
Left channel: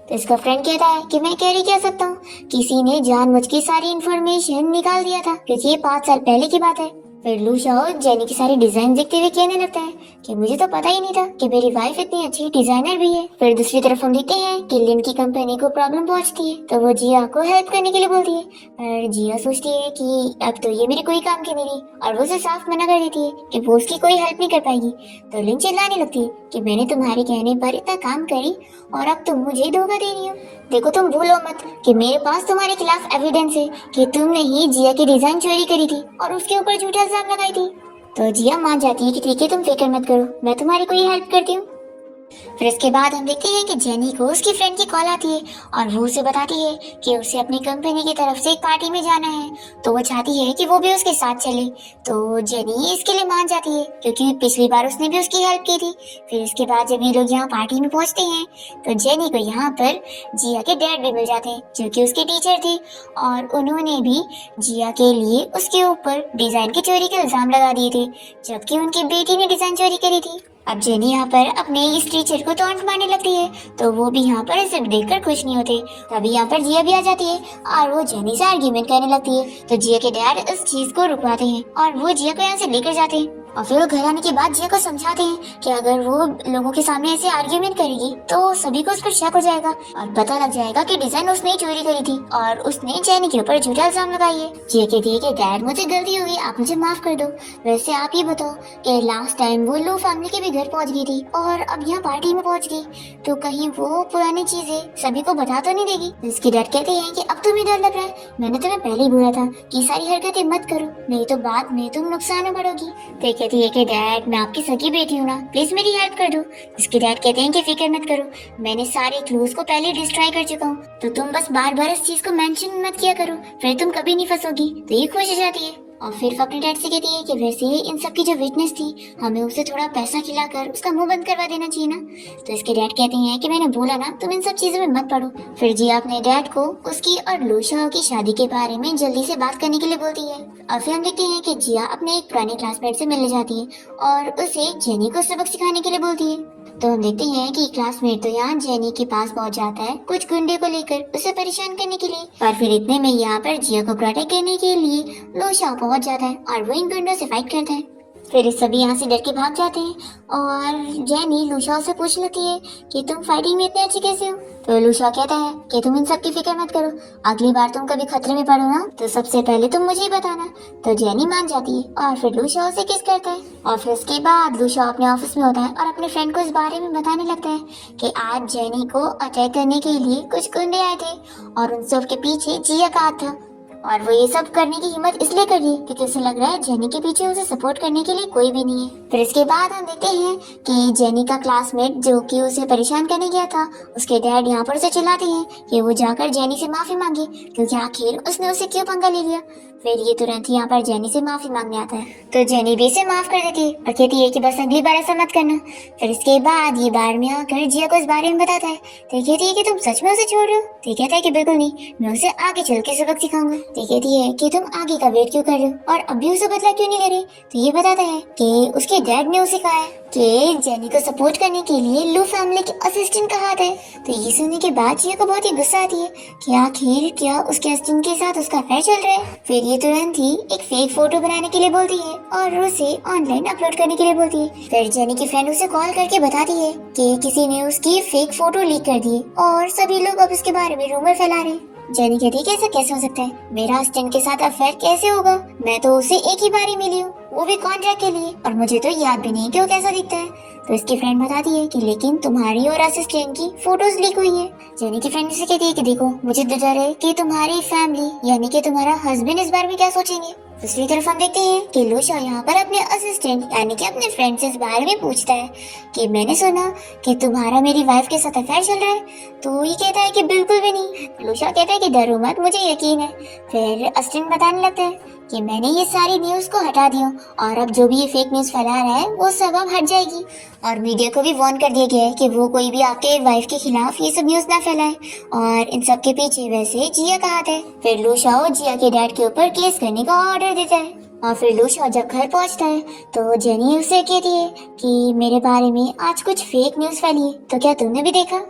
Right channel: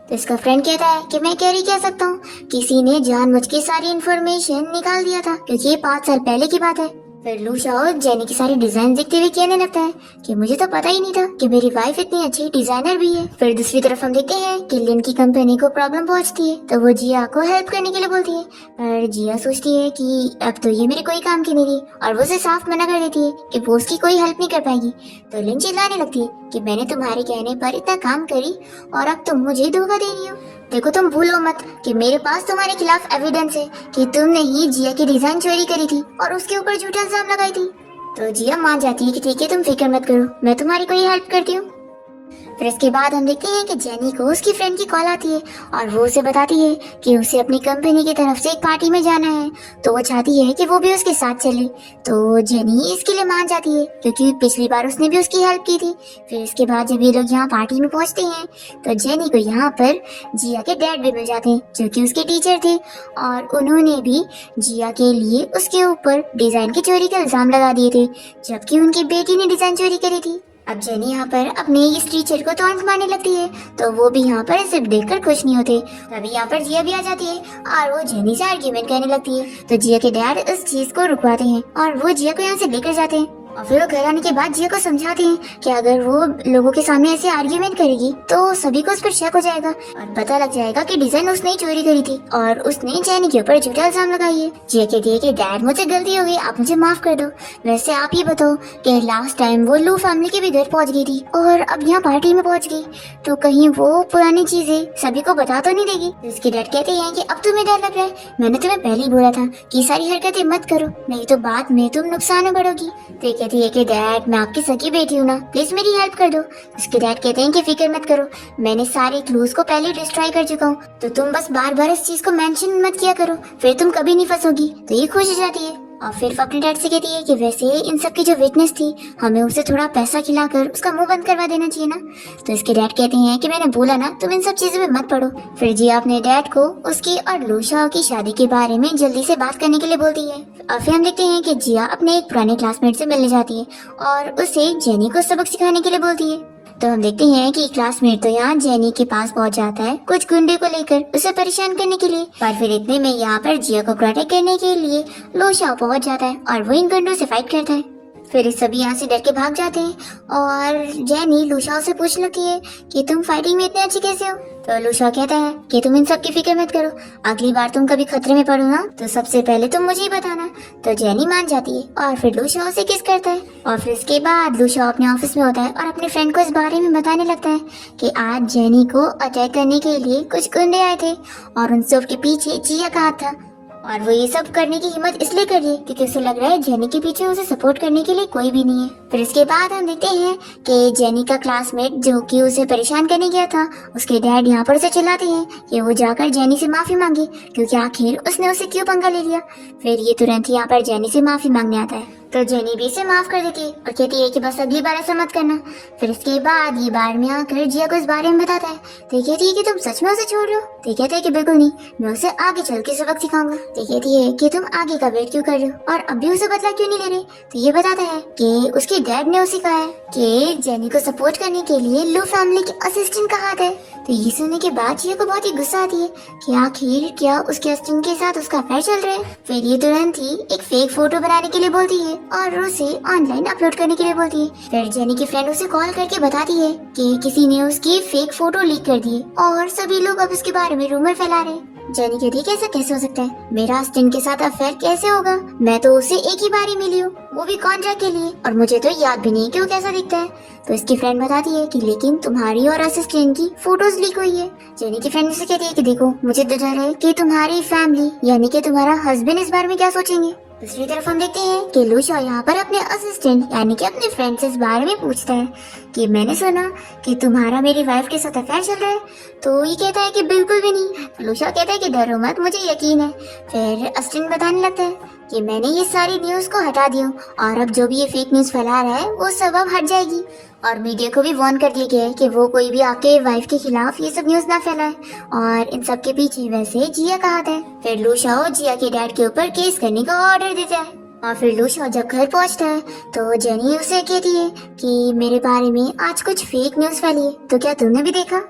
तो इसका फ्रेंड कहता है कि मैं क्या ही कह सकता हूँ, किसी ने जानबूझ के सारी इन्फॉर्मेशन निकाल दिया था क्योंकि ये 5 साल पहले की बात है। फिर लूशा जेनी की सारी डिजाइन देखते हुए कहने लगता है कि मुझे तो पता ही नहीं था कि मेरी वाइफ इतनी अच्छी डिजाइनर भी है। फिर दूसरी तरफ हम देखते हैं कि लिन की कंपनी को प्रॉब्लम पहुंचती है तो वो जिया को हेल्प करने के लिए बोलती है, पर जिया सोचती है कि अब तो ये मेरे कोई काम की नहीं रही और वो उसे साफ मना कर देती है कि वो उसकी कोई हेल्प नहीं कर पाएगी। तो लिन चिल्लाने लगती है कि मैंने तुम्हारे कहने पर इतना काम करी और अब तुम मुझे धोखा दे रही हो। देखो तुम भूलो मत कि मेरे पास तुम्हारे खिलाफ एविडेंस है कि तुमने ही जिया की डिजाइन चोरी करी थी और उसके ऊपर झूठा इल्जाम लगाई थी। तो जिया मान जाती है कि ठीक है तुम फिक्र मत करो, मैं तुम्हारी कोई हेल्प करती हूँ। फिर इसके बाद हम देखते हैं कि जेनी को उसकी फ्रेंड की कॉल आती है और वो उसे बताती है कि उसे अपनी कंपनी की तरफ से एक पार्टी में जाना है, तो वो चाहती है कि वो भी उसके साथ चले। तो जेनी इसके लिए मान जाती है क्योंकि पिछली बार उसने भी उसकी हेल्प की थी। फिर इसके बाद जब ये लोग यहाँ पार्टी में पहुंचते हैं तो जेनी को यहाँ पर जिया के डैड भी मिल जाते हैं जो कि उसके टीचर थे और उन्होंने भी जिया के लिए उसके ऊपर डिजाइन की चोरी का इल्जाम लगा दिए थे जबकि उनकी बेटी ने डिजाइन चोरी करी थी। अब जेनी यहाँ पर अपने इस टीचर को टॉन्ट मारने लगती है तो वो भी यहाँ पर इसे देखकर खुश नहीं होते। तभी यहाँ पर जिया भी आ जाती है और वो जेनी से आर्ग्यूमेंट करने लगती है। तो जिया के डैड इस चीज को रुकवाते हैं और वो जिया को यहाँ से लेकर जाते हैं और फिर वो घर आने के बाद जिया को समझाते हैं कि अगर वो लोगों के सामने ऐसे आर्ग्यूमेंट करेगी तो सभी को उस पर शक हो जाएगा और पता लग जाएगा कि डिजाइन उसने ही चोरी करी थी और उसने जेनी के ऊपर झूठा इल्जाम लगाई है। जिया कहती है कि डैड मुझे गलती हो गई, आप मुझे माफ कर दो। वैसे आप ये बताओ कि लास्ट टाइम वो लू फैमिली के भी घर पहुंच गई थी और अब यहाँ पार्टी में पहुंच गई तो कहीं वो पुरानी चीजें सभी को बता तो नहीं देगी। इसके डैड कहते हैं कि अब तुम्हें डर लग रहा है, मैंने तुम्हें पहले ही बोला था कि सारी हरकतें मत करो नहीं तो बाद में तुम नुकसान में पड़ोगी। तो कहती है कि डैड मैं आपकी सगी बेटी हूँ ना, प्लीज मेरी हेल्प कर दो। इसके डैड कहते हैं कि फिक्र मत करो, मैंने सारे क्लूज को पहले डिस्ट्रॉय कर चुका हूँ तो तुम बस बार बार इस चीज को मेंशन मत किया करो, फिर तुम कभी नहीं फंसोगी। तो ये खुश हो जाती है और फिर वो अपने डैड से कहती है कि वैसे इन सब की जो विटनेस थी, हमें उसे थोड़ा पैसा खिलाकर उसका मुंह बंद करवा देना चाहिए ना। तो इसके डैड कहते हैं कि मैंने बोला ना तुम इन सब चीजों में मत पड़ो। फिर जिया अपने डैड को उसकी और लू शाओ की शादी के बारे में जल्दी से बात करने के लिए बोलती है। और फिर हम देखते हैं कि जिया अपने एक पुराने क्लासमेट से मिलने जाती है और उसे जेनी को सबक सिखाने के लिए बोलती है। तो हम देखते हैं कि क्लासमेट तो यहाँ जेनी के पास पहुँच जाता है कुछ गुंडे को लेकर उसे परेशान करने के लिए। पर फिर इतने में यहाँ पर जिया को प्रोटेक्ट करने के लिए लू शाओ पहुँच जाता है और वो इन गुंडों से फाइट करता है। फिर सभी यहाँ से डर के भाग जाते हैं और जेनी लू शाओ से पूछ लेती है कि तुम फाइटिंग में इतने अच्छे कैसे हो। तो लू शाओ कहता है कि तुम इन सब की फिक्र मत करो, अगली बार तुम कभी खतरे में पड़ो ना तो सबसे पहले तुम मुझे ही बताना। तो जेनी मान जाती है और फिर लू शाओ से किस करता है। और फिर इसके बाद लू शाओ अपने ऑफिस में होता है और अपने फ्रेंड को इस बारे में बताने लगता है कि आज जेनी को अटैक करने के लिए कुछ गुंडे आए थे और उन सब के पीछे जिया का हाथ था। और वो ये सब करने की हिम्मत इसलिए कर रही है क्योंकि उसे लग रहा है जेनी के पीछे उसे सपोर्ट करने के लिए कोई भी नहीं है। फिर इसके बाद हम देखते हैं कि जेनी का क्लासमेट जो कि उसे परेशान करने गया था, उसके डैड यहाँ पर उसे चिल्लाते हैं कि वो जाकर जेनी से माफी मांगे क्योंकि आखिर उसने उसे क्यों पंगा ले लिया। फिर ये तुरंत ही यहाँ पर जेनी से माफी मांगने आता है तो जेनी भी इसे माफ कर देती है और कहती है कि बस अगली बार ऐसा मत करना। फिर इसके बाद ये बार में आकर जिया को इस बारे में बताता है तो कहती है कि तुम सच में उसे छोड़ रहे हो। तो कहता है कि बिल्कुल नहीं, मैं उसे आगे चल के सबक सिखाऊंगा। तो कहती है कि तुम आगे का वेट क्यों कर रहे हो और अब भी उसे बदला क्यों नहीं ले रही। तो ये बताता है कि उसके डैड ने उसे कहा है कि जेनी को सपोर्ट करने के लिए लू फैमिली के असिस्टेंट का हाथ है। तो ये सुनने के बाद जिया को बहुत ही गुस्सा आती है कि आखिर क्या उसके असिस्टेंट के साथ उसका अफेयर चल रहा है। फिर ये तुरंत ही एक फेक फोटो बनाने के लिए बोलती है और उसे ऑनलाइन अपलोड करने के लिए बोलती है। फिर जेनी की फ्रेंड उसे कॉल करके बताती है कि किसी ने उसकी फेक फोटो लीक कर दी और सभी लोग अब उसके बारे में रूमर फैला रहे हैं। जेनी कहती है कि ऐसा कैसे हो सकता है, मेरा असिस्टेंट के साथ अफेयर कैसे होगा, मैं तो उसे एक ही बार ही मिली हूँ, वो भी कॉन्ट्रैक्ट के लिए, और मुझे तो याद भी नहीं कि वो कैसा दिखता है। तो इसकी फ्रेंड बताती है कि लेकिन तुम्हारी और असिस्टेंट की फोटोज लीक हुई है। जेनी की फ्रेंड से कहती है कि देखो मुझे तो डर है कि तुम्हारी फैमिली यानी कि तुम्हारा हस्बैंड इस बारे में क्या सोचेंगे। दूसरी तरफ हम देखते हैं कि लू शाओ यहाँ पर अपने असिस्टेंट यानी कि अपने फ्रेंड से इस बारे में पूछता है कि मैंने सुना कि तुम्हारा मेरी वाइफ के साथ अफेयर चल रहा है। तो ये कहता है कि बिल्कुल भी नहीं। तो लू शाओ कहता है कि डरो मत, मुझे यकीन है। फिर असिस्टेंट बताने लगता है कि मैंने ये सारी न्यूज को हटा दिया और अब जो भी ये फेक न्यूज फैला रहा है वो सब अब हट जाएगी और मीडिया को भी वार्न कर दिया गया है कि वो कोई भी आपके वाइफ के खिलाफ ये सब न्यूज ना फैलाए और इन सब के पीछे वैसे जिया का हाथ है। फिर लू शाओ जिया के डैड के ऊपर केस करने का ऑर्डर देता है और फिर लू शाओ जब घर पहुंचता है तो जेनी उसे कहती है कि मेरे बारे में आज कुछ फेक न्यूज फैली है, तो क्या तुमने भी देखा।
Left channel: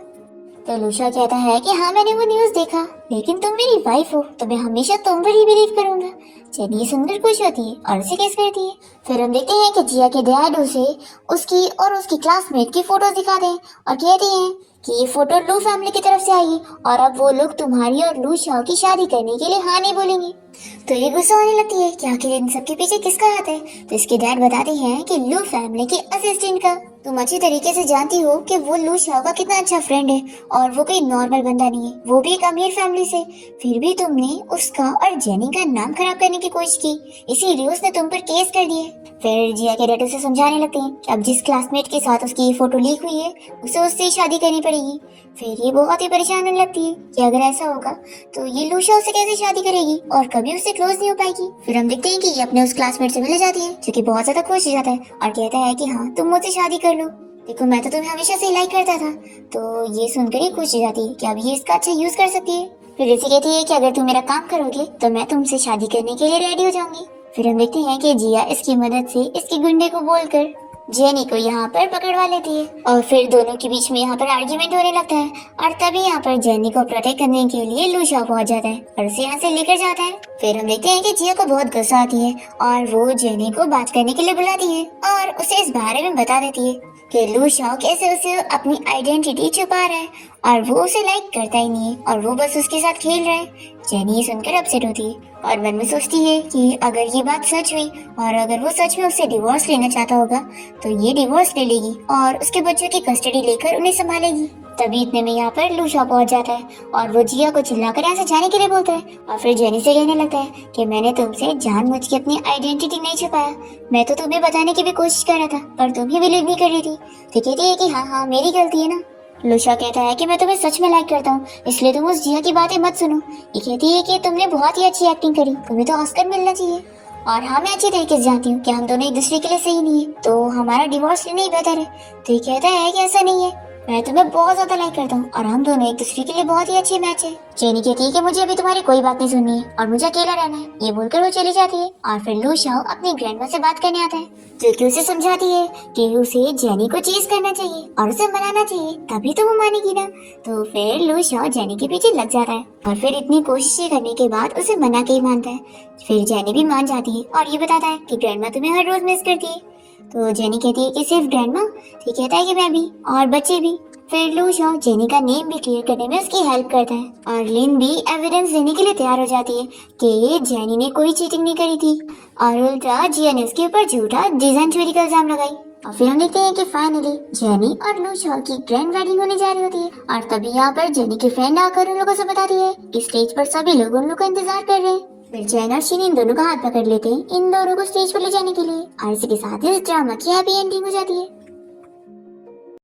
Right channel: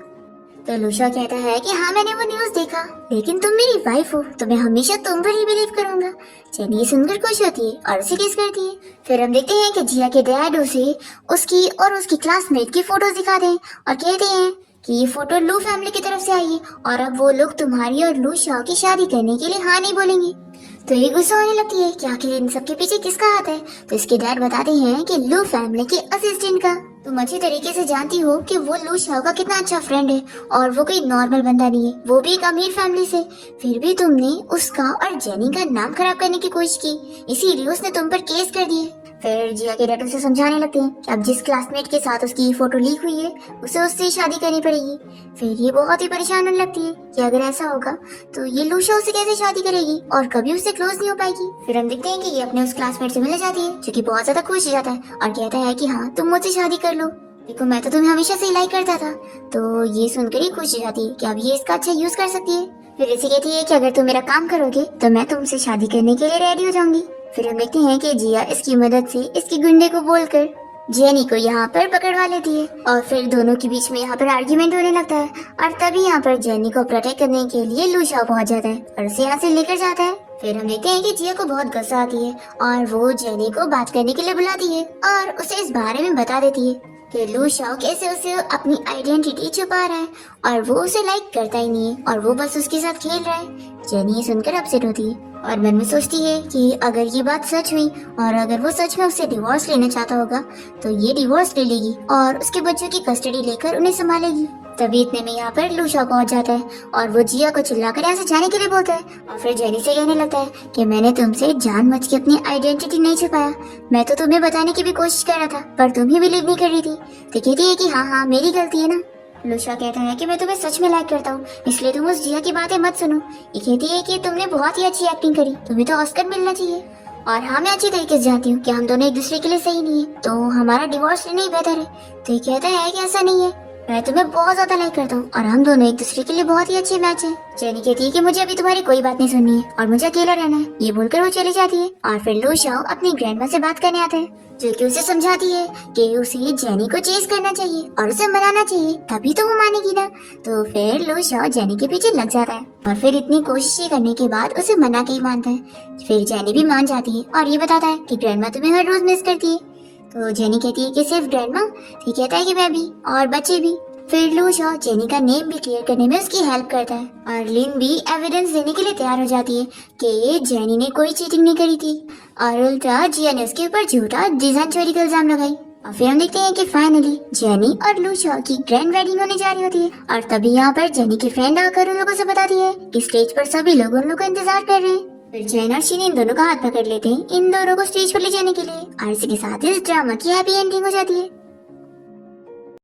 तो लू शाओ कहता है कि हाँ मैंने वो न्यूज देखा, लेकिन तुम मेरी वाइफ हो तो मैं हमेशा तुम पर ही बिलीव करूंगा। जेनी सुनकर खुश होती है और उसे किस करती है। फिर हम देखते हैं कि जिया के डैड उसे उसकी और उसकी क्लासमेट की फोटोज दिखाते हैं और कहते हैं कि ये फोटो लू फैमिली की तरफ से आई है और अब वो लोग तुम्हारी और लू शाओ की शादी करने के लिए हाँ नहीं बोलेंगे। तो ये गुस्सा होने लगती है कि आखिर इन सबके पीछे किसका हाथ है। तो इसके डैड बताते हैं कि लू फैमिली के असिस्टेंट का। तुम अच्छी तरीके से जानती हो कि वो लू शाओ का कितना अच्छा फ्रेंड है और वो कोई नॉर्मल बंदा नहीं है, वो भी एक अमीर फैमिली से। फिर भी तुमने उसका और जेनी का नाम खराब करने की कोशिश की, इसीलिए उसने तुम पर केस कर दिए। फिर जिया के डैड उसे समझाने लगते हैं कि अब जिस क्लासमेट के साथ उसकी ये फोटो लीक हुई है उसे उससे शादी करनी पड़ेगी। फिर ये बहुत ही परेशान होने लगती है कि अगर ऐसा होगा तो ये लू शाओ से कैसे शादी करेगी और कभी उससे क्लोज नहीं हो पाएगी। फिर हम देखते हैं कि ये अपने उस क्लासमेट से मिलने जाती है जो कि बहुत ज्यादा खुश हो जाता है और कहता है कि हाँ तुम मुझसे शादी कर लो, देखो मैं तो तुम्हें हमेशा से लाइक करता था। तो ये सुनकर ही खुश हो जाती है कि अब ये इसका अच्छा यूज कर सकती है। फिर इसे कहती है कि अगर तुम मेरा काम करोगे तो मैं तुमसे शादी करने के लिए रेडी हो जाऊंगी। फिर हम देखते हैं कि जिया इसकी मदद से इसके गुंडे को बोलकर जेनी को यहाँ पर पकड़वा लेती है और फिर दोनों के बीच में यहाँ पर आर्ग्यूमेंट होने लगता है और तभी यहाँ पर जेनी को प्रोटेक्ट करने के लिए लू शाओ पहुंच जाता है और उसे यहाँ से लेकर जाता है। फिर हम देखते हैं कि जिया को बहुत गुस्सा आती है और वो जेनी को बात करने के लिए बुलाती है और उसे इस बारे में बता देती है कि लू शाओ कैसे उसे अपनी आइडेंटिटी छुपा रहा है और वो उसे लाइक करता ही नहीं है और वो बस उसके साथ खेल रहा है। जेनी ये सुनकर अपसेट होती है और मन में सोचती है कि अगर ये बात सच हुई और अगर वो सच में उससे डिवोर्स लेना चाहता होगा तो ये डिवोर्स ले लेगी और उसके बच्चों की कस्टडी लेकर उन्हें संभालेगी। तभी इतने में यहाँ पर लू शाओ पहुंच जाता है और वो जिया को चिल्लाकर यहाँ से जाने के लिए बोलता है और फिर जेनी से कहने लगता है कि मैंने तुमसे जानबूझ के अपनी आइडेंटिटी नहीं छुपाया, मैं तो तुम्हें बताने की भी कोशिश कर रहा था पर तुम ही बिलीव नहीं कर रही थी। तो कहती है कि हाँ मेरी गलती है ना। लू शाओ कहता है कि मैं तुम्हें सच में लाइक करता हूँ, इसलिए तुम उस जिया की बातें मत सुनो। ये कहती है कि तुमने बहुत ही अच्छी एक्टिंग करी, तुम्हें तो ऑस्कर मिलना चाहिए। और हाँ, मैं अच्छी तरीके से जानती हूँ कि हम दोनों एक दूसरे के लिए सही नहीं है, तो हमारा डिवोर्स लेना ही बेहतर है। तो ये कहता है कि ऐसा नहीं है, मैं तुम्हें बहुत ज्यादा लाइक करता हूँ और हम दोनों एक दूसरे के लिए बहुत ही अच्छे मैच है। जेनी कहती है कि मुझे अभी तुम्हारी कोई बात नहीं सुननी है और मुझे अकेले रहना है। ये बोलकर वो चली जाती है और फिर लू शाओ अपनी ग्रैंडमा से बात करने आता है, जो कि उसे समझाती है कि उसे जेनी को चेज करना चाहिए और उसे मनाना चाहिए, तभी तो वो मानेगी ना। तो फिर लू शाओ जेनी के पीछे लग जाता है और फिर इतनी कोशिशें करने के बाद उसे मना के ही मानता है। फिर जेनी भी मान जाती है और ये बताता है कि ग्रैंडमा तुम्हें हर रोज मिस करती है। तो जेनी कहती है कि सिर्फ ग्रैंडमा? तो कहता है कि मैं भी और बच्चे भी। फिर लू शाओ जेनी का नेम भी क्लियर करने में उसकी हेल्प करता है और लिन भी एविडेंस देने के लिए तैयार हो जाती है कि जेनी ने कोई चीटिंग नहीं करी थी और उल्टा जिया ने उसके ऊपर झूठा डिजाइन चोरी का इल्जाम लगाई। और फिर हम देखते हैं कि फाइनली जेनी और लू शाओ की ग्रैंड वेडिंग होने जा रही होती है और तभी यहाँ पर जेनी की फ्रेंड आकर उन लोगों से बताती है कि स्टेज पर सभी लोग उन लोग का इंतजार कर रहे हैं। फिर जैन और शीन इन दोनों का हाथ पकड़ लेते हैं इन दोनों को स्टेज पर ले जाने के लिए और इसी के साथ इस ड्रामा की हैप्पी एंडिंग हो जाती है।